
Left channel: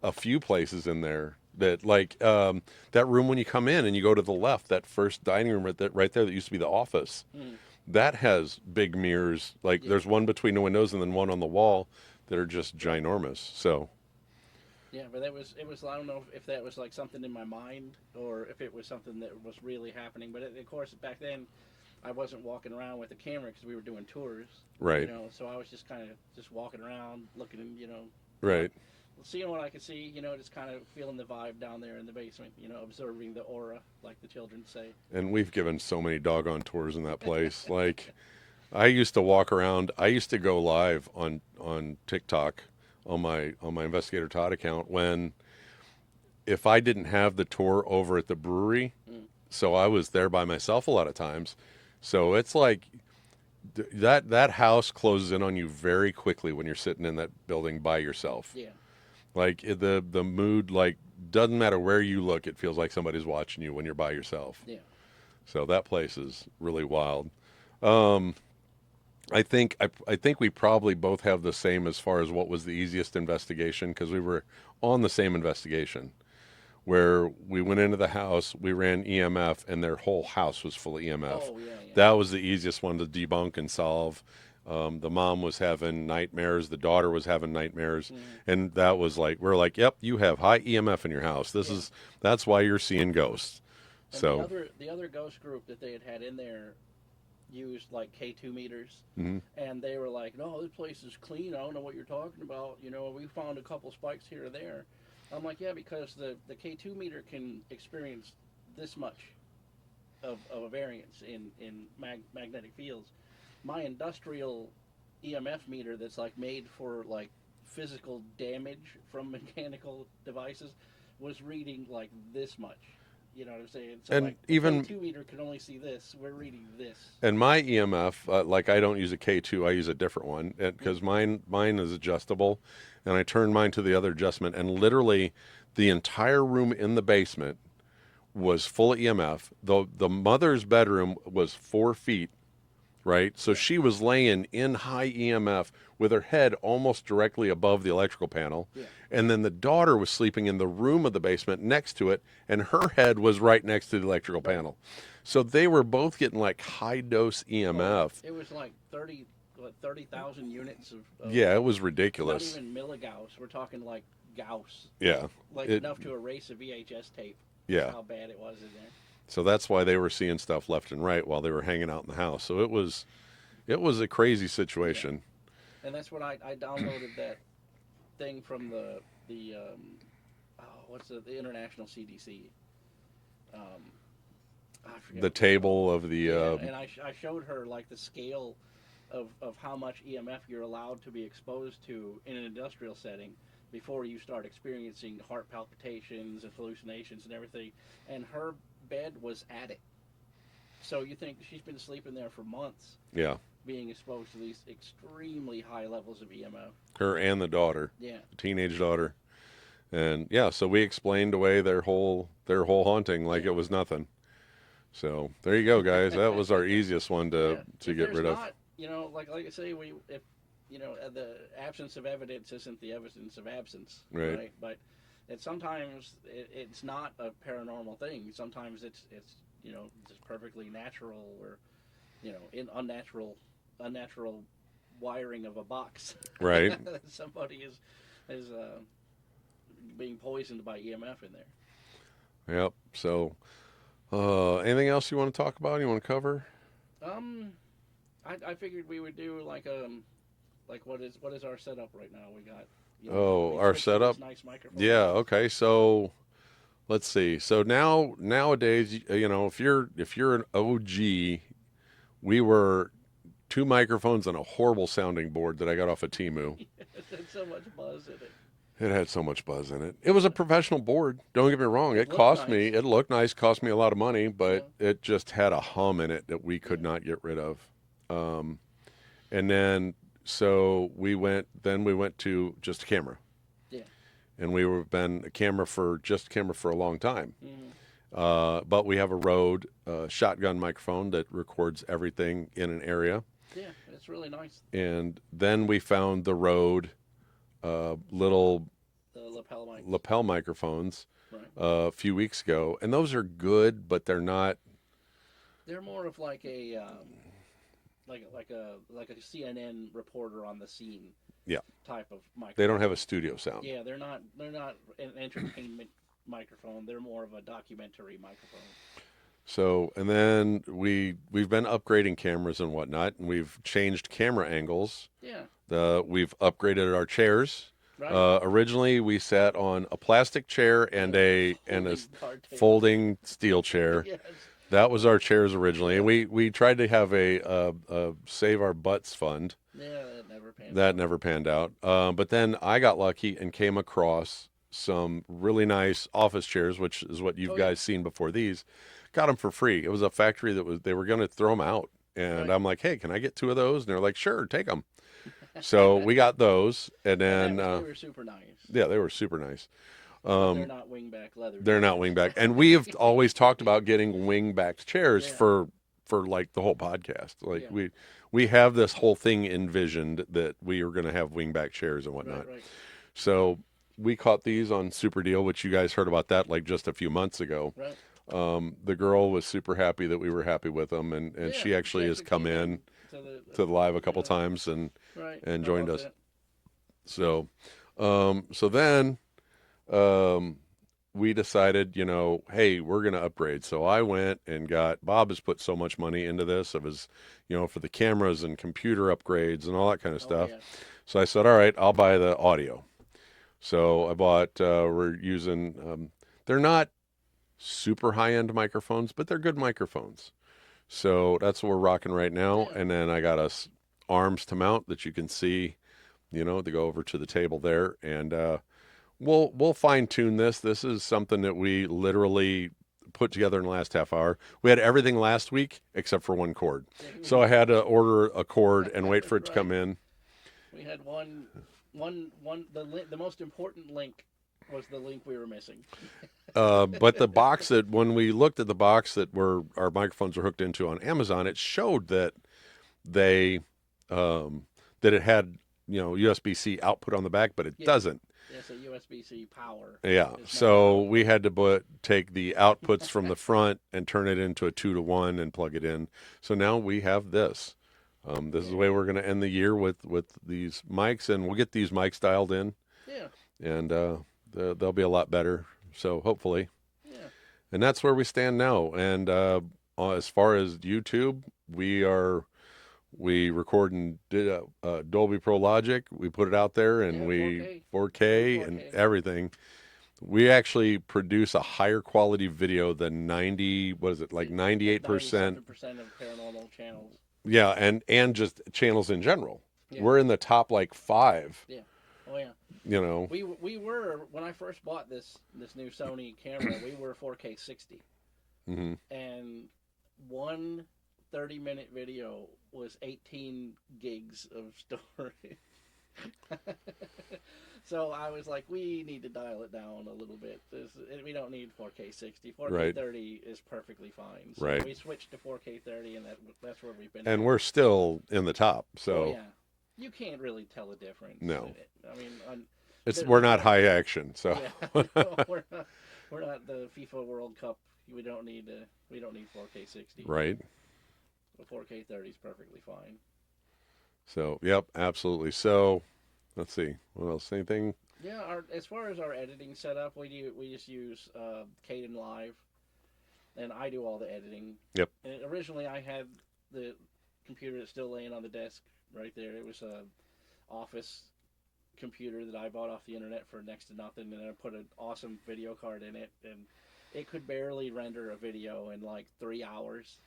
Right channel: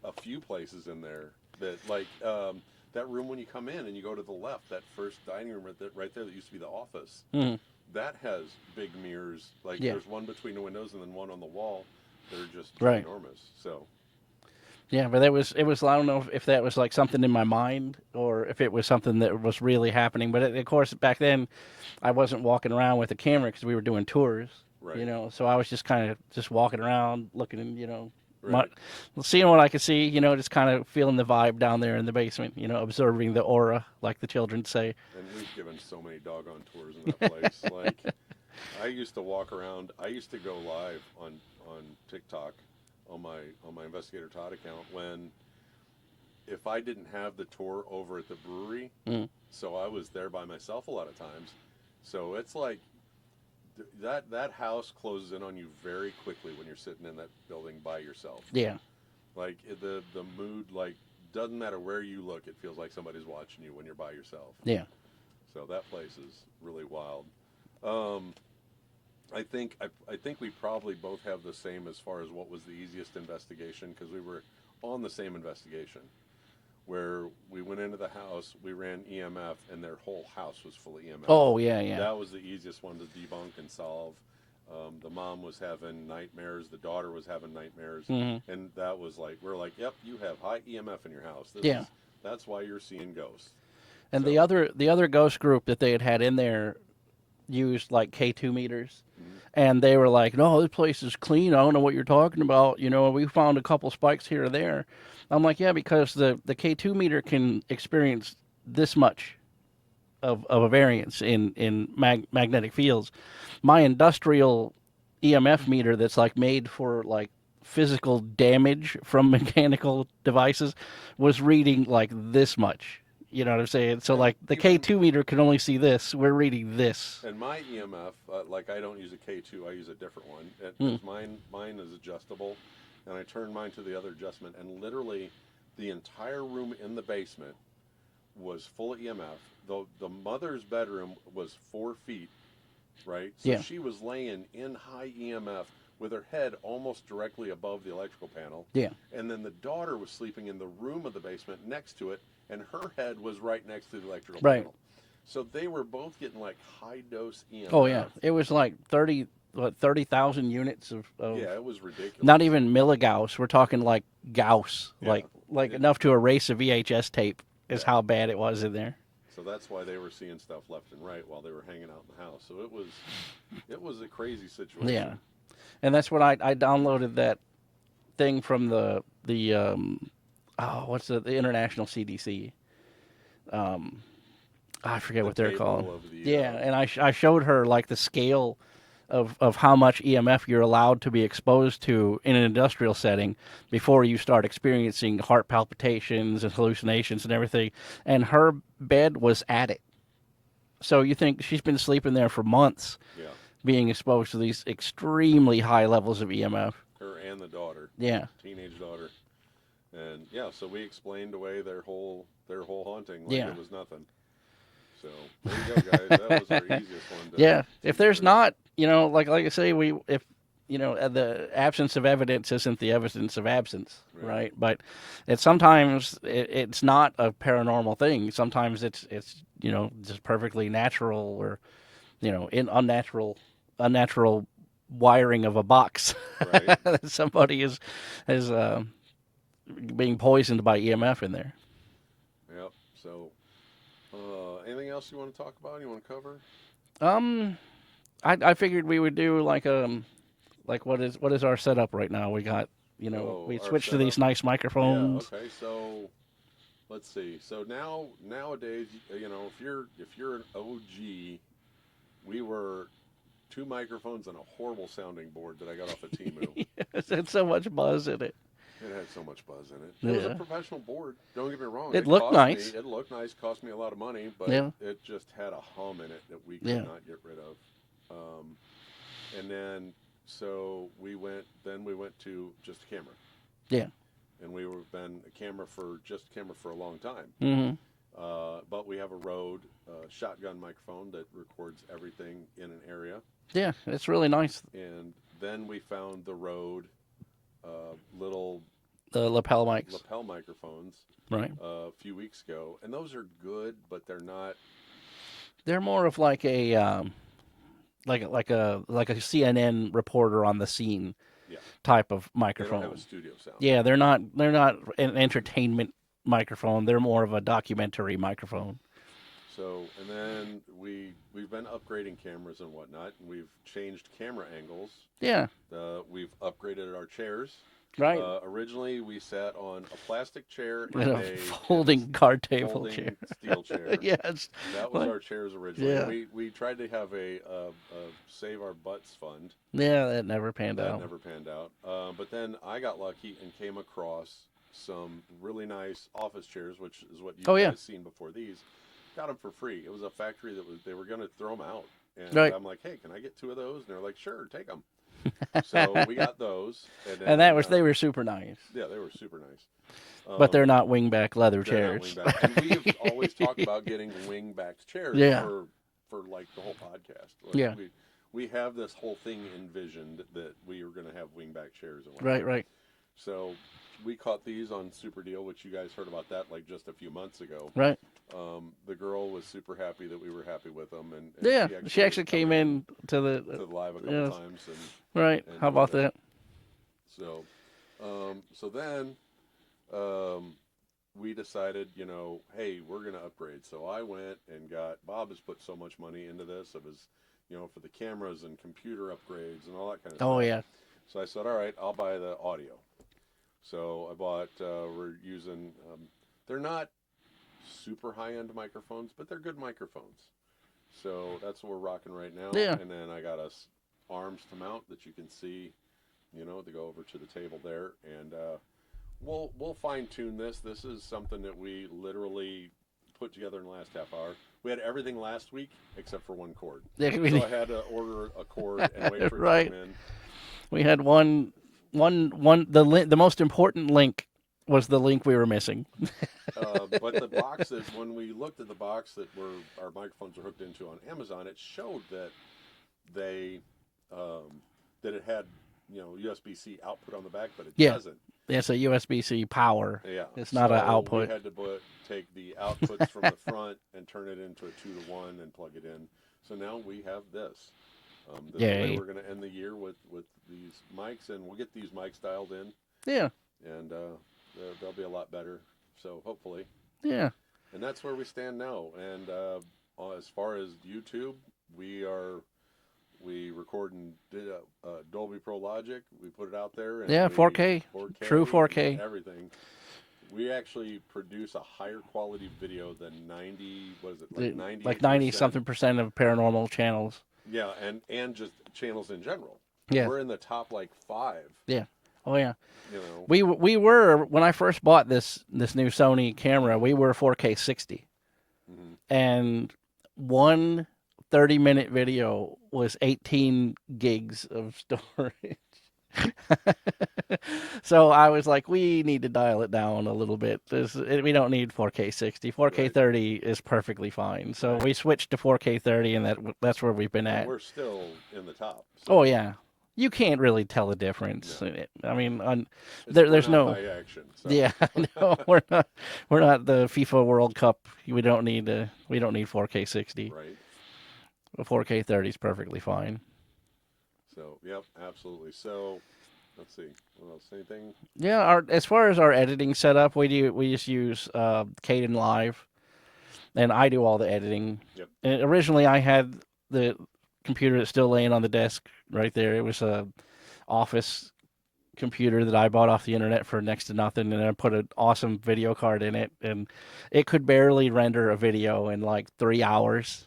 a few places in there that like that room when you come in and you go to the left, that first dining room right there that used to be the office. That has big mirrors. Like there's one between the windows and then one on the wall that are just ginormous. So. Yeah, but it was. I don't know if that was like something in my mind or if it was something that was really happening. But of course, back then, I wasn't walking around with a camera because we were doing tours. Right. So I was just kind of just walking around, looking, right. Seeing what I could see, just kind of feeling the vibe down there in the basement, observing the aura, like the children say. And we've given so many doggone tours in that place. Like, I used to walk around. I used to go live on TikTok on my investigator Todd account when if I didn't have the tour over at the brewery, so I was there by myself a lot of times. So it's like that house closes in on you very quickly when you're sitting in that building by yourself. Yeah. Like the mood, like, doesn't matter where you look, it feels like somebody's watching you when you're by yourself. Yeah. So that place is really wild. I think we probably both have the same as far as what was the easiest investigation, because we were on the same investigation where we went into the house, we ran EMF, and their whole house was full of EMF. Oh, yeah, yeah. That was the easiest one to debunk and solve. The mom was having nightmares, the daughter was having nightmares, and that was like, we're like, yep, you have high EMF in your house. That's why you're seeing ghosts. And So- the other ghost group that they had in there used like K2 meters, and they were like, "No, this place is clean. I don't know what you're talking about. You know, we found a couple spikes here or there." I'm like, "Yeah, because the K2 meter can experience this much of a variance in magnetic fields. My industrial EMF meter that's like made for like physical damage from mechanical devices was reading like this much." You know what I'm saying? So, And like, the even- K2 meter can only see this. We're reading this. And my EMF, like, I don't use a K2, I use a different one, because mine is adjustable, and I turn mine to the other adjustment, and literally the entire room in the basement was full of EMF. The mother's bedroom was 4 feet, right? So Yeah. she was laying in high EMF with her head almost directly above the electrical panel. Yeah. And then the daughter was sleeping in the room of the basement next to it, and her head was right next to the electrical Right. panel. So they were both getting like high dose EMF. Oh, yeah. It was like 30,000 units of Yeah, it was ridiculous. not even milligauss. We're talking like Gauss. Yeah. Like It- enough to erase a VHS tape is Yeah. how bad it was in there. So that's why they were seeing stuff left and right while they were hanging out in the house. So it was a crazy situation. And that's when I downloaded that thing from the what's the international CDC. I forget The what they're table called. of the Yeah, and I showed her like the scale of how much EMF you're allowed to be exposed to in an industrial setting before you start experiencing heart palpitations and hallucinations and everything. And her bed was at it. So you think she's been sleeping there for months, yeah, being exposed to these extremely high levels of EMF. her and the daughter, Yeah. teenage daughter, and yeah. So we explained away their whole haunting like Yeah. it was nothing. So there you go, guys. That was our easiest one to. Yeah. to If get there's rid of. not, like I say, if the absence of evidence isn't the evidence of absence, Right. right? But sometimes it's not a paranormal thing. Sometimes it's just perfectly natural or in unnatural wiring of a box. Right. that somebody is being poisoned by EMF in there. Yep. So, anything else you want to talk about? You want to cover? I figured we would do like what is our setup right now? We got we our switched to setup? these nice microphones. Yeah. Okay. So, let's see. So nowadays, if you're an OG, we were 2 microphones and a horrible sounding board that I got off of Temu. It's had so much buzz in it. It had so much buzz in it. It was a Yeah. professional board. Don't get me wrong. It looked cost me. nice. It looked nice. Cost me a lot of money, but Yeah. it just had a hum in it that we could Yeah. not get rid of. And then so we went. Then we went to just a camera. Yeah. And we were been a camera for a long time. Mm-hmm. But we have a Rode shotgun microphone that records everything in an area. Yeah, it's really nice. And then we found the Rode little The lapel mics. lapel microphones Right. a few weeks ago, and those are good, but they're not. They're more of like a like a CNN reporter on the scene. Yeah. Type of microphone. They don't have a studio sound. Yeah, they're not an entertainment microphone. They're more of a documentary microphone. So, and then we've been upgrading cameras and whatnot, and we've changed camera angles. Yeah. We've upgraded our chairs. Right. Originally, we sat on a plastic chair and a folding card table. folding steel chair. Yes. That was our chairs originally, and Yeah. we tried to have a save our butts fund. Yeah, that never panned out. That never panned out. But then I got lucky and came across some really nice office chairs, which is what you Oh, guys yeah. seen before these. Got them for free. It was a factory they were going to throw them out. And Right. I'm like, hey, can I get 2 of those? And they're like, sure, take them. So we got those. And And then, they were super nice. yeah, they were super nice. But they're not wingback leather They're chairs. not wingback. And we have always talked about getting wingback chairs Yeah. for like the whole podcast. Like Yeah. we have this whole thing envisioned that we are going to have wingback chairs and whatnot. Right. So we caught these on Super Deal, which you guys heard about that like just a few months ago. Right. The girl was super happy that we were happy with them, and Yeah. she actually has come came in to the to the live a couple yeah. times and right. and How joined about us. that? So, so then, we decided, hey, we're going to upgrade. So I went and Bob has put so much money into this of his, for the cameras and computer upgrades and all that kind of stuff. Oh yeah. So I said, all right, I'll buy the audio. So I bought, we're using, they're not super high-end microphones, but they're good microphones. So that's what we're rocking right now. Yeah. And then I got us arms to mount that you can see, to go over to the table there. And, we'll fine tune this. This is something that we literally put together in the last half hour. We had everything last week except for one cord. So I had to order a cord and wait for it Right. to come in. We had the most important link was the link we were missing. But the box that when we looked at the box that our microphones were hooked into on Amazon, it showed that that it had USB-C output on the back, but it Yeah. doesn't. It's a USB-C power. Yeah. It's not an So we output. had to take the outputs from the front and turn it into a 2-to-1 and plug it in. So now we have this. This is the way Yeah. we're going to end the year with these mics, and we'll get these mics dialed in, Yeah. and they'll be a lot better. So hopefully, Yeah. and that's where we stand now. And as far as YouTube, we record and did Dolby Pro Logic. We put it out there, and Yeah, we 4K. 4K, True 4K. and everything. We actually produce a higher quality video than 98%. Like 90-something% of paranormal channels. Yeah, and just channels in general. Yeah. We're in the top 5. Yeah. Oh yeah. You know. We were when I first bought this new Sony camera, we were 4K 60. Mm-hmm. And one 30-minute video was 18 gigs of storage. So I was like, we need to dial it down a little bit. We don't need 4K 60. 4K Right. 30 is perfectly fine. So Right. we switched to 4K 30, and that's where we've been And at. we're still in the top. So Oh yeah, you can't really tell the difference. No. I mean, we're there's not no- high action. So yeah, no, we're not the FIFA World Cup. We don't need 4K 60. right. 4K 30 is perfectly fine. So yep, absolutely. So let's see what else. Anything? Yeah, as far as our editing setup, we just use Caden Live, and I do all the editing. Yep. And originally, I had the computer that's still laying on the desk right there. It was a office computer that I bought off the internet for next to nothing, and I put an awesome video card in it, and it could barely render a video in like 3 hours.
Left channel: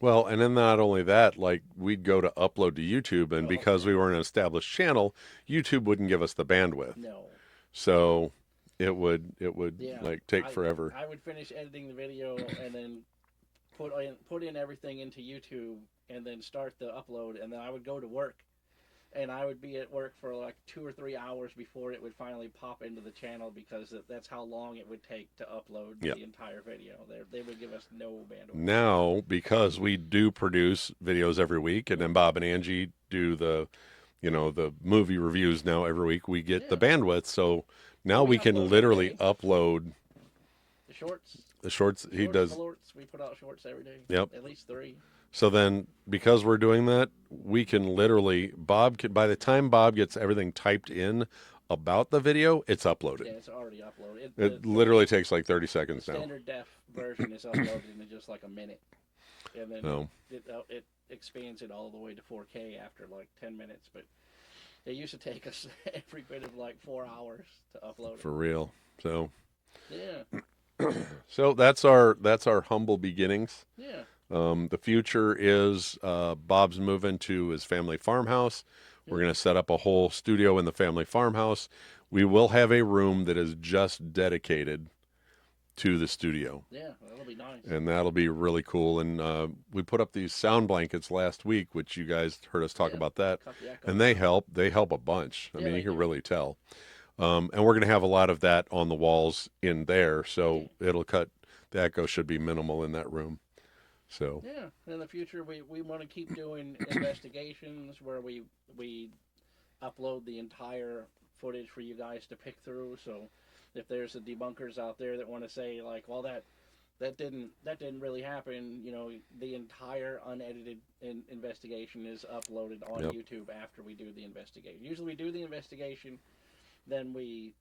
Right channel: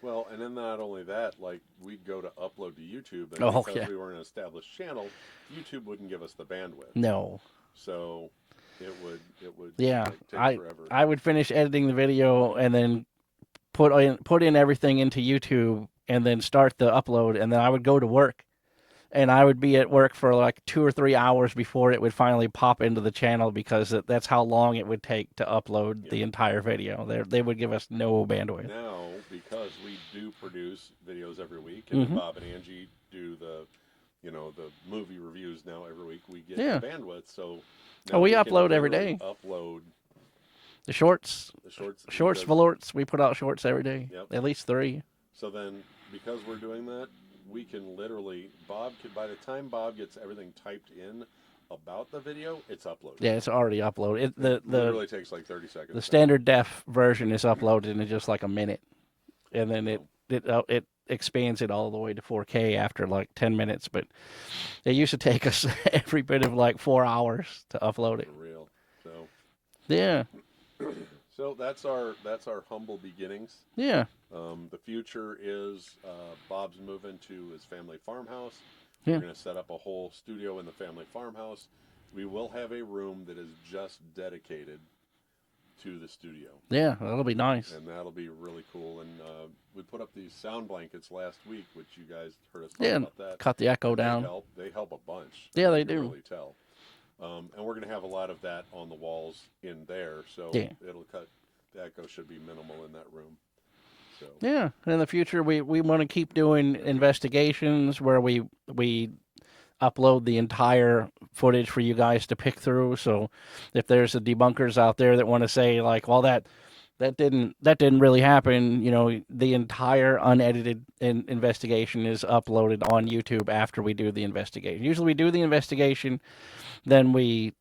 Well, and then not only that, we'd go to upload to YouTube, and Oh, because yeah. we were an established channel, YouTube wouldn't give us the bandwidth. No. So it would Yeah, take forever. I would finish editing the video and then put in everything into YouTube and then start the upload, and then I would go to work, and I would be at work for like 2 or 3 hours before it would finally pop into the channel, because that's how long it would take to upload Yep. the entire video. They would give us no bandwidth. Now, because we do produce videos every week, and then Mhm. Bob and Angie do the movie reviews now every week, we get Yeah. the bandwidth. So now Oh, we we can upload every literally day. upload The shorts, the shorts. he shorts, does- velours, we put out shorts every day. Yep. At least 3. So then, because we're doing that, we can literally by the time Bob gets everything typed in about the video, it's uploaded. Yeah, it's already uploaded. It literally takes like 30 seconds. The now. standard def version is uploaded in just like a minute, and then No. it expands it all the way to 4K after like 10 minutes. But it used to take us every bit of like 4 hours to upload it. For real. So Yeah, that's our humble beginnings. yeah, The future is Bob's moving to his family farmhouse. Yeah. We're going to set up a whole studio in the family farmhouse. we will have a room that is just dedicated to the studio. Yeah, that'll be nice. And that'll be really cool. And we put up these sound blankets last week, which you guys heard us talk Yeah, about that. cut the echo And down. they help. They help a bunch. I Yeah, mean, they you can do. really tell. And we're going to have a lot of that on the walls in there. So Yeah. it'll cut, the echo should be minimal in that room. So Yeah, in the future we want to keep doing investigations where we upload the entire footage for you guys to pick through. So if there's the debunkers out there that want to say like, well, that didn't really happen, you know, the entire unedited investigation is uploaded on YouTube after we do the investigation. Usually we do the investigation, then we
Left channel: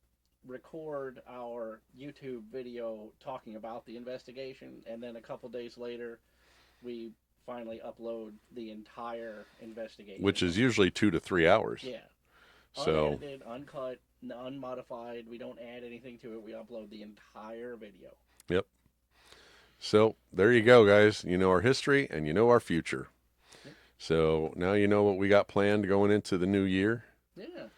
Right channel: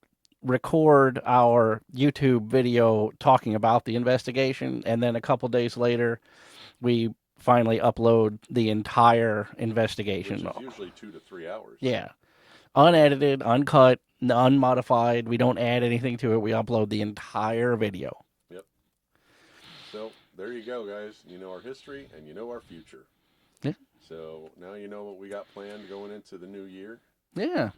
record our YouTube video talking about the investigation, and then a couple days later we finally upload the entire investigation, which is usually 2 to 3 hours. yeah, So- unedited, uncut, unmodified. We don't add anything to it. We upload the entire video. Yep. So there you go, guys. You know our history and you know our future. Yeah. So now you know what we got planned going into the new year. Yeah.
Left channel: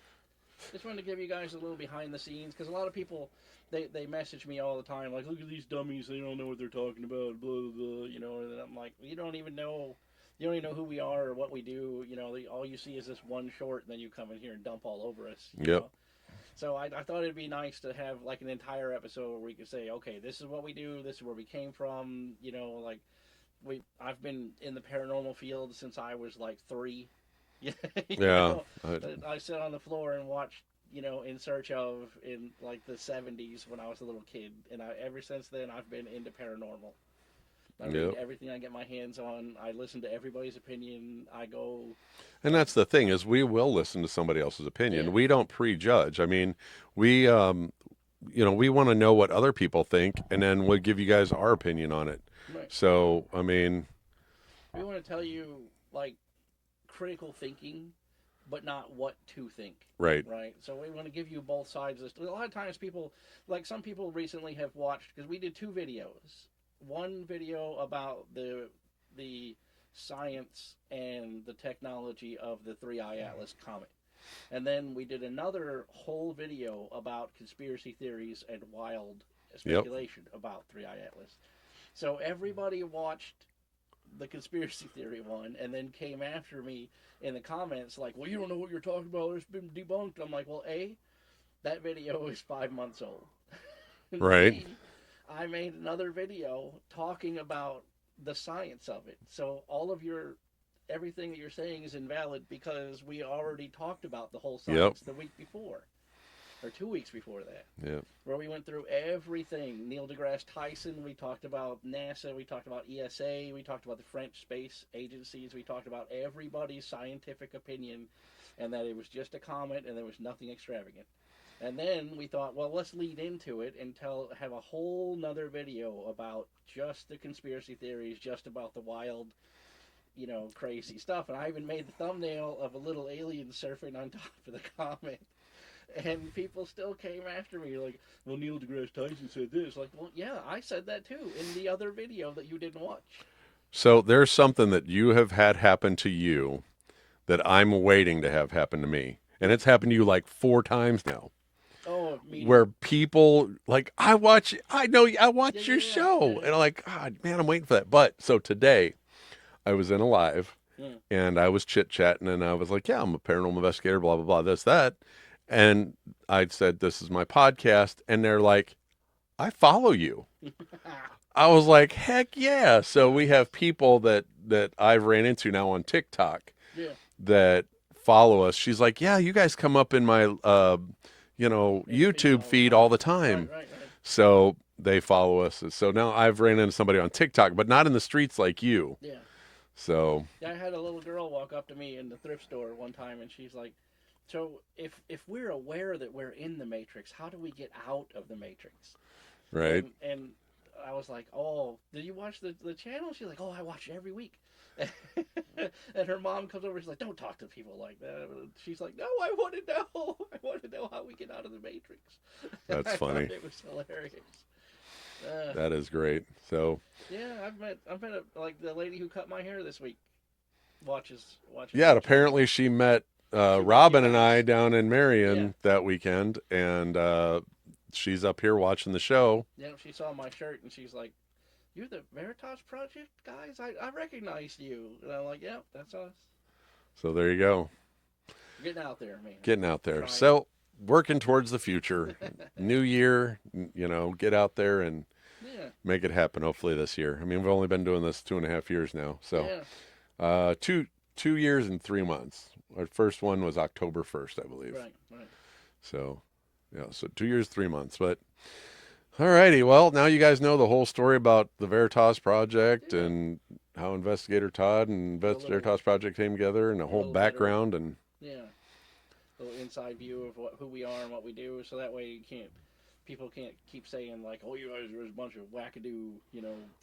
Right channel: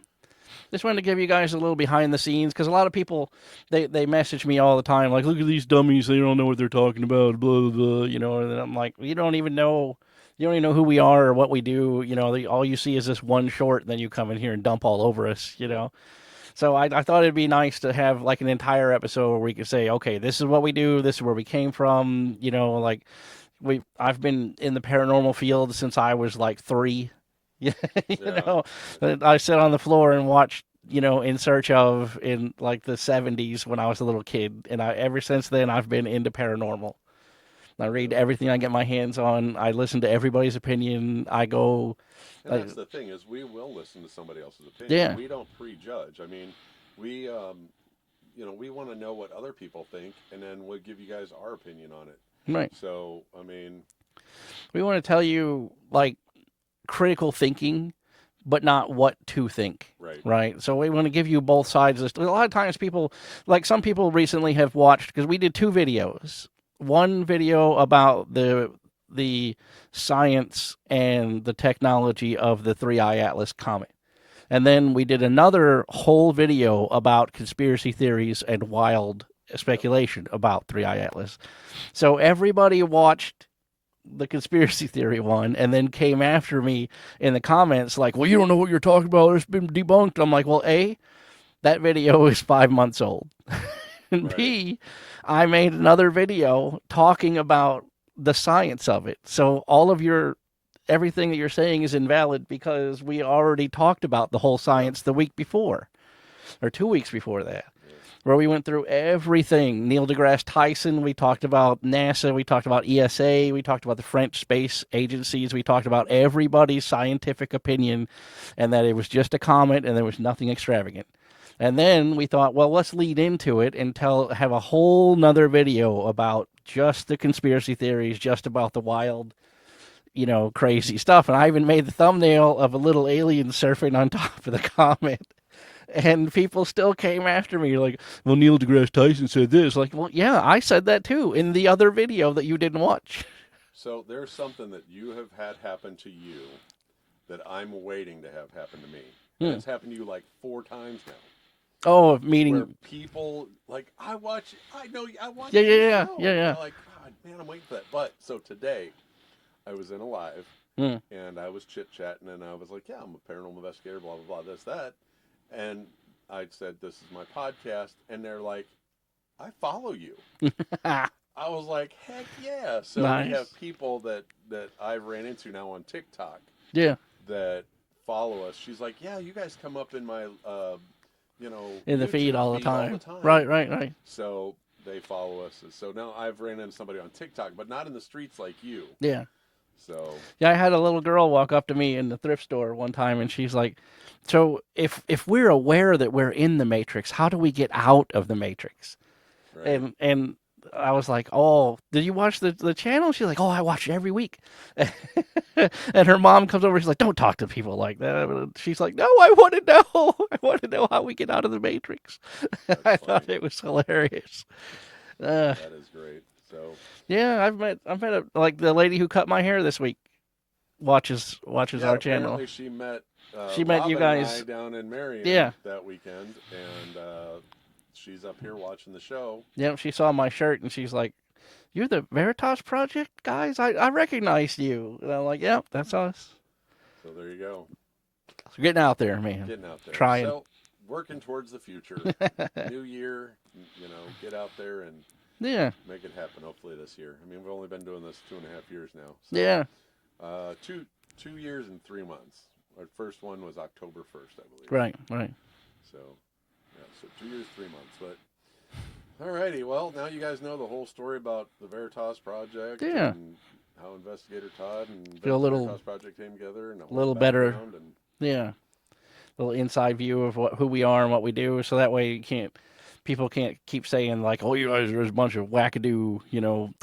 Just wanted to give you guys a little behind the scenes, because a lot of people, they message me all the time like, look at these dummies, they don't know what they're talking about, blah blah blah, you know. And I'm like, you don't even know who we are or what we do, you know. All you see is this one short, and then you come in here and dump all over us, you Yep. know. So I thought it'd be nice to have like an entire episode where we could say, okay, this is what we do, this is where we came from, you know. Like I've been in the paranormal field since I was like 3. Yeah, you know, I sat on the floor and watched, you know, In Search Of in like the 70s when I was a little kid, and ever since then I've been into paranormal. I read everything I get my hands on. I listen to everybody's opinion. I go, and that's the thing, is we will listen to somebody else's opinion. Yeah. We don't prejudge. I mean, we we want to know what other people think, and then we'll give you guys our opinion on it. right. So I mean, We want to tell you like critical thinking, but not what to think. right. Right. So we want to give you both sides of this. A lot of times people, like some people recently have watched, because we did 2 videos. One video about the science and the technology of the 3-eye Atlas comet. And then we did another whole video about conspiracy theories and wild speculation about 3-eye Atlas. So everybody watched the conspiracy theory one and then came after me in the comments like, well, you don't know what you're talking about, it's been debunked. I'm like, well, A, that video is 5 months old. And Right. B, I made another video talking about the science of it. So all of everything that you're saying is invalid because we already talked about the whole science the week before, or 2 weeks before that, where we went through everything. Neil deGrasse Tyson, we talked about NASA, we talked about ESA, we talked about the French space agencies, we talked about everybody's scientific opinion, and that it was just a comet and there was nothing extravagant. And then we thought, well, let's lead into it and have a whole nother video about just the conspiracy theories, just about the wild, you know, crazy stuff. And I even made the thumbnail of a little alien surfing on top of the comet. And people still came after me like, well, Neil deGrasse Tyson said this. Like, well, yeah, I said that too in the other video that you didn't watch. So there's something that you have had happen to you that I'm waiting to have happen to me. And it's happened to you like 4 times now. Oh, meeting Where people like, I watch your show. And I'm like, God, man, I'm waiting for that. But so today I was in a live and I was chit-chatting and I was like, yeah, I'm a paranormal investigator, blah, blah, blah, this, that. And I said, this is my podcast. And they're like, I follow you. I was like, heck yeah. So we Nice. have people that I've ran into now on TikTok Yeah. that follow us. She's like, yeah, you guys come up in my, In the YouTube feed all the time. Right. So they follow us. So now I've ran into somebody on TikTok, but not in the streets like you. Yeah. So Yeah, I had a little girl walk up to me in the thrift store one time, and she's like, so if we're aware that we're in the Matrix, how do we get out of the Matrix? right. And I was like, oh, did you watch the channel? She's like, oh, I watch it every week. And her mom comes over, she's like, don't talk to people like that. She's like, no, I want to know. I want to know how we get out of the Matrix. That's I funny. thought it was hilarious. That is great. So Yeah, I've met like the lady who cut my hair this week watches yeah, our apparently channel. she met She met you Robin and I guys. down in Marion Yeah. that weekend, and she's up here watching the show. Yep, she saw my shirt and she's like, "You're the Veritas Project guys? I recognized you." And I'm like, "Yep, that's us." So there you go. So getting out there, man. Getting out there. Trying. So working towards the future. New year, get out there and Yeah. make it happen hopefully this year. I mean, we've only been doing this 2.5 years now. So Yeah. 2 years and 3 months. Our first one was October 1st, I believe. Right. Right. So, so 2 years, 3 months. But, all righty. Well, now you guys know the whole story about the Veritas Project Yeah. and how Investigator Todd and Feel a little- Veritas Project came together and the whole little better. background. And Yeah. A little inside view of who we are and what we do, so that way people can't keep saying like, "Oh, you guys are a bunch of wackadoo,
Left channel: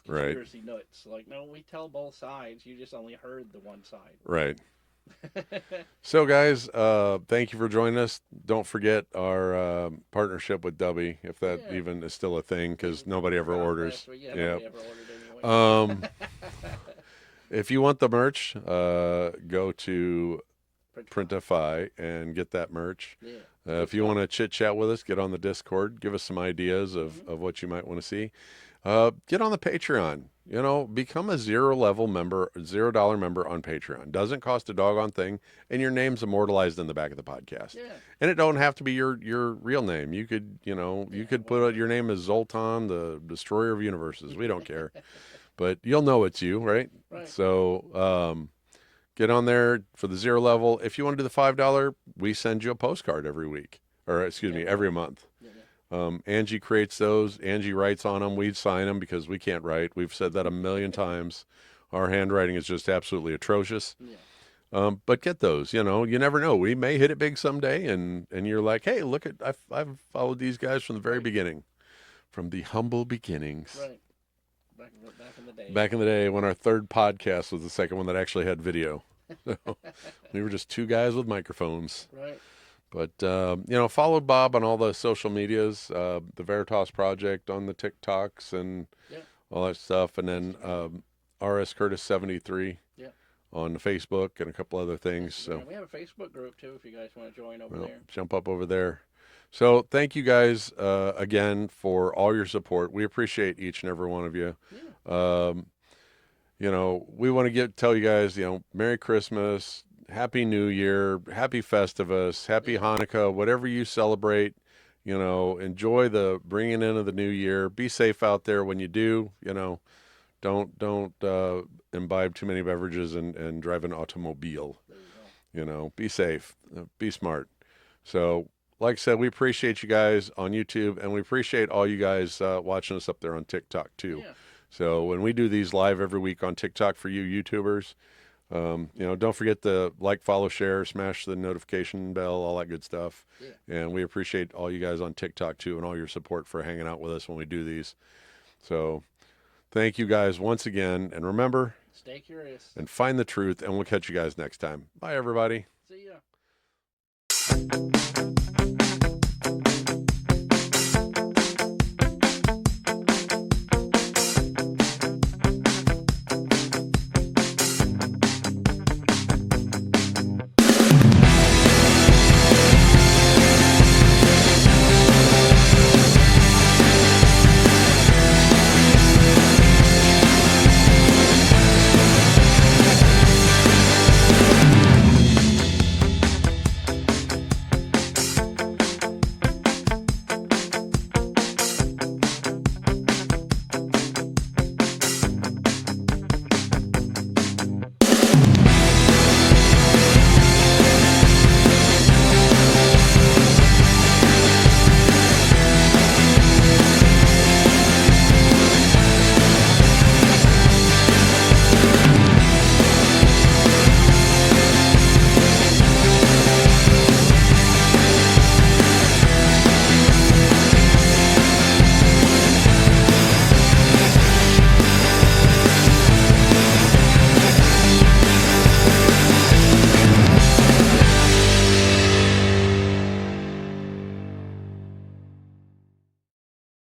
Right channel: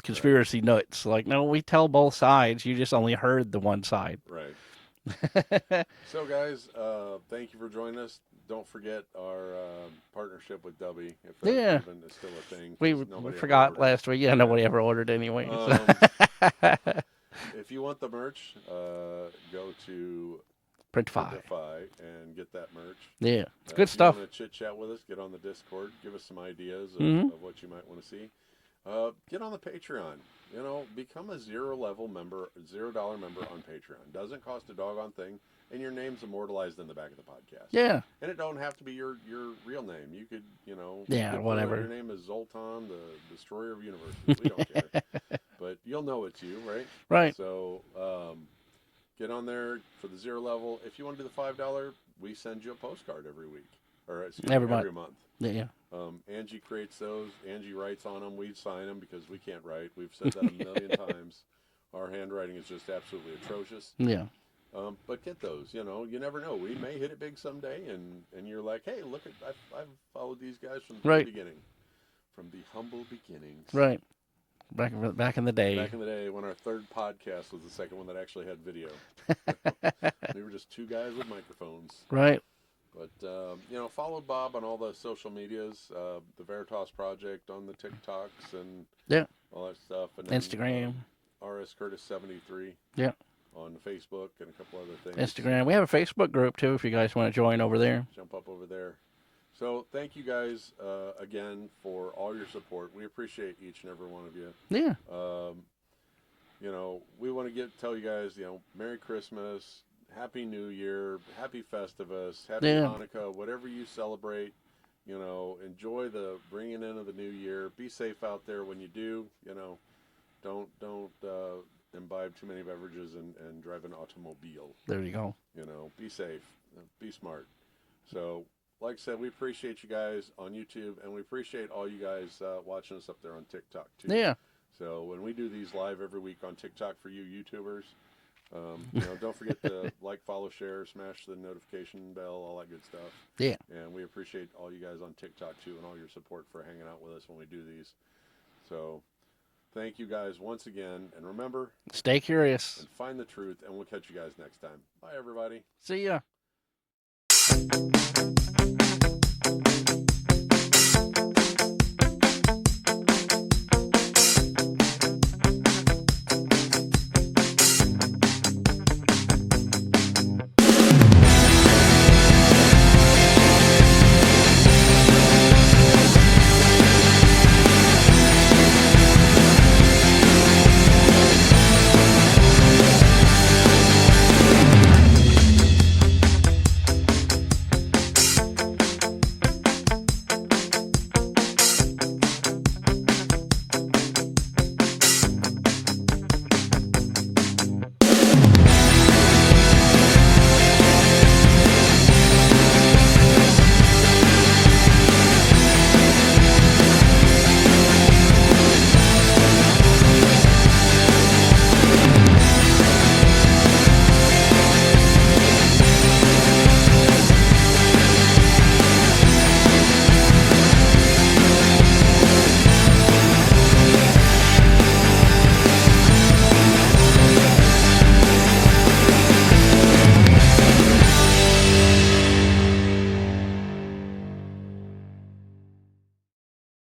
conspiracy nuts." Like, no, we tell both sides. You just only heard the one side. Right. So, guys, thank you for joining us. Don't forget our partnership with Dubby, if that even is still a thing, because nobody ever forgot orders. last week. Yeah, nobody ever ordered anyway. If you want the merch, go to Printify. Printify and get that merch. Yeah, it's good if you stuff. want to chit chat with us, get on the Discord. Give us some ideas of what you might want to see. Get on the Patreon. Become a $0 member on Patreon. Doesn't cost a doggone thing, and your name's immortalized in the back of the podcast. Yeah, and it don't have to be your real name. You could you could whatever. put your name as Zoltan, the Destroyer of Universes. We don't care, but you'll know it's you, right? Right. So get on there for the $0. If you want to do the $5, we send you a postcard every week, or excuse me, every month. Yeah. Angi creates those. Angi writes on them. We sign them because we can't write. We've said that a million times. Our handwriting is just absolutely atrocious. Yeah. But get those. You never know. We may hit it big someday, and you're like, hey, look at I've followed these guys from the very beginning, from the humble beginnings. Right. Back in the day. Back in the day when our third podcast was the second one that actually had video. We were just two guys with microphones. Right. But, follow Bob on all the social medias, the Veritas Project on the TikToks and all that stuff. And then Instagram. RS Curtis 73 on the Facebook and a couple other things. Instagram. We have a Facebook group, too, if you guys want to join over there. Jump up over there. So thank you guys again for all your support. We appreciate each and every one of you. Yeah. We want to tell you guys, Merry Christmas. Happy New Year, Happy Festivus, Happy Hanukkah, whatever you celebrate, enjoy the bringing in of the new year. Be safe out there when you do, don't imbibe too many beverages and drive an automobile. There you go. Be safe, be smart. So, like I said, we appreciate you guys on YouTube, and we appreciate all you guys watching us up there on TikTok too. Yeah. So when we do these live every week on TikTok for you YouTubers, don't forget to like, follow, share, smash the notification bell, all that good stuff. Yeah. And we appreciate all you guys on TikTok too, and all your support for hanging out with us when we do these. So thank you guys once again. And remember, stay curious and find the truth, and we'll catch you guys next time. Bye, everybody. See ya.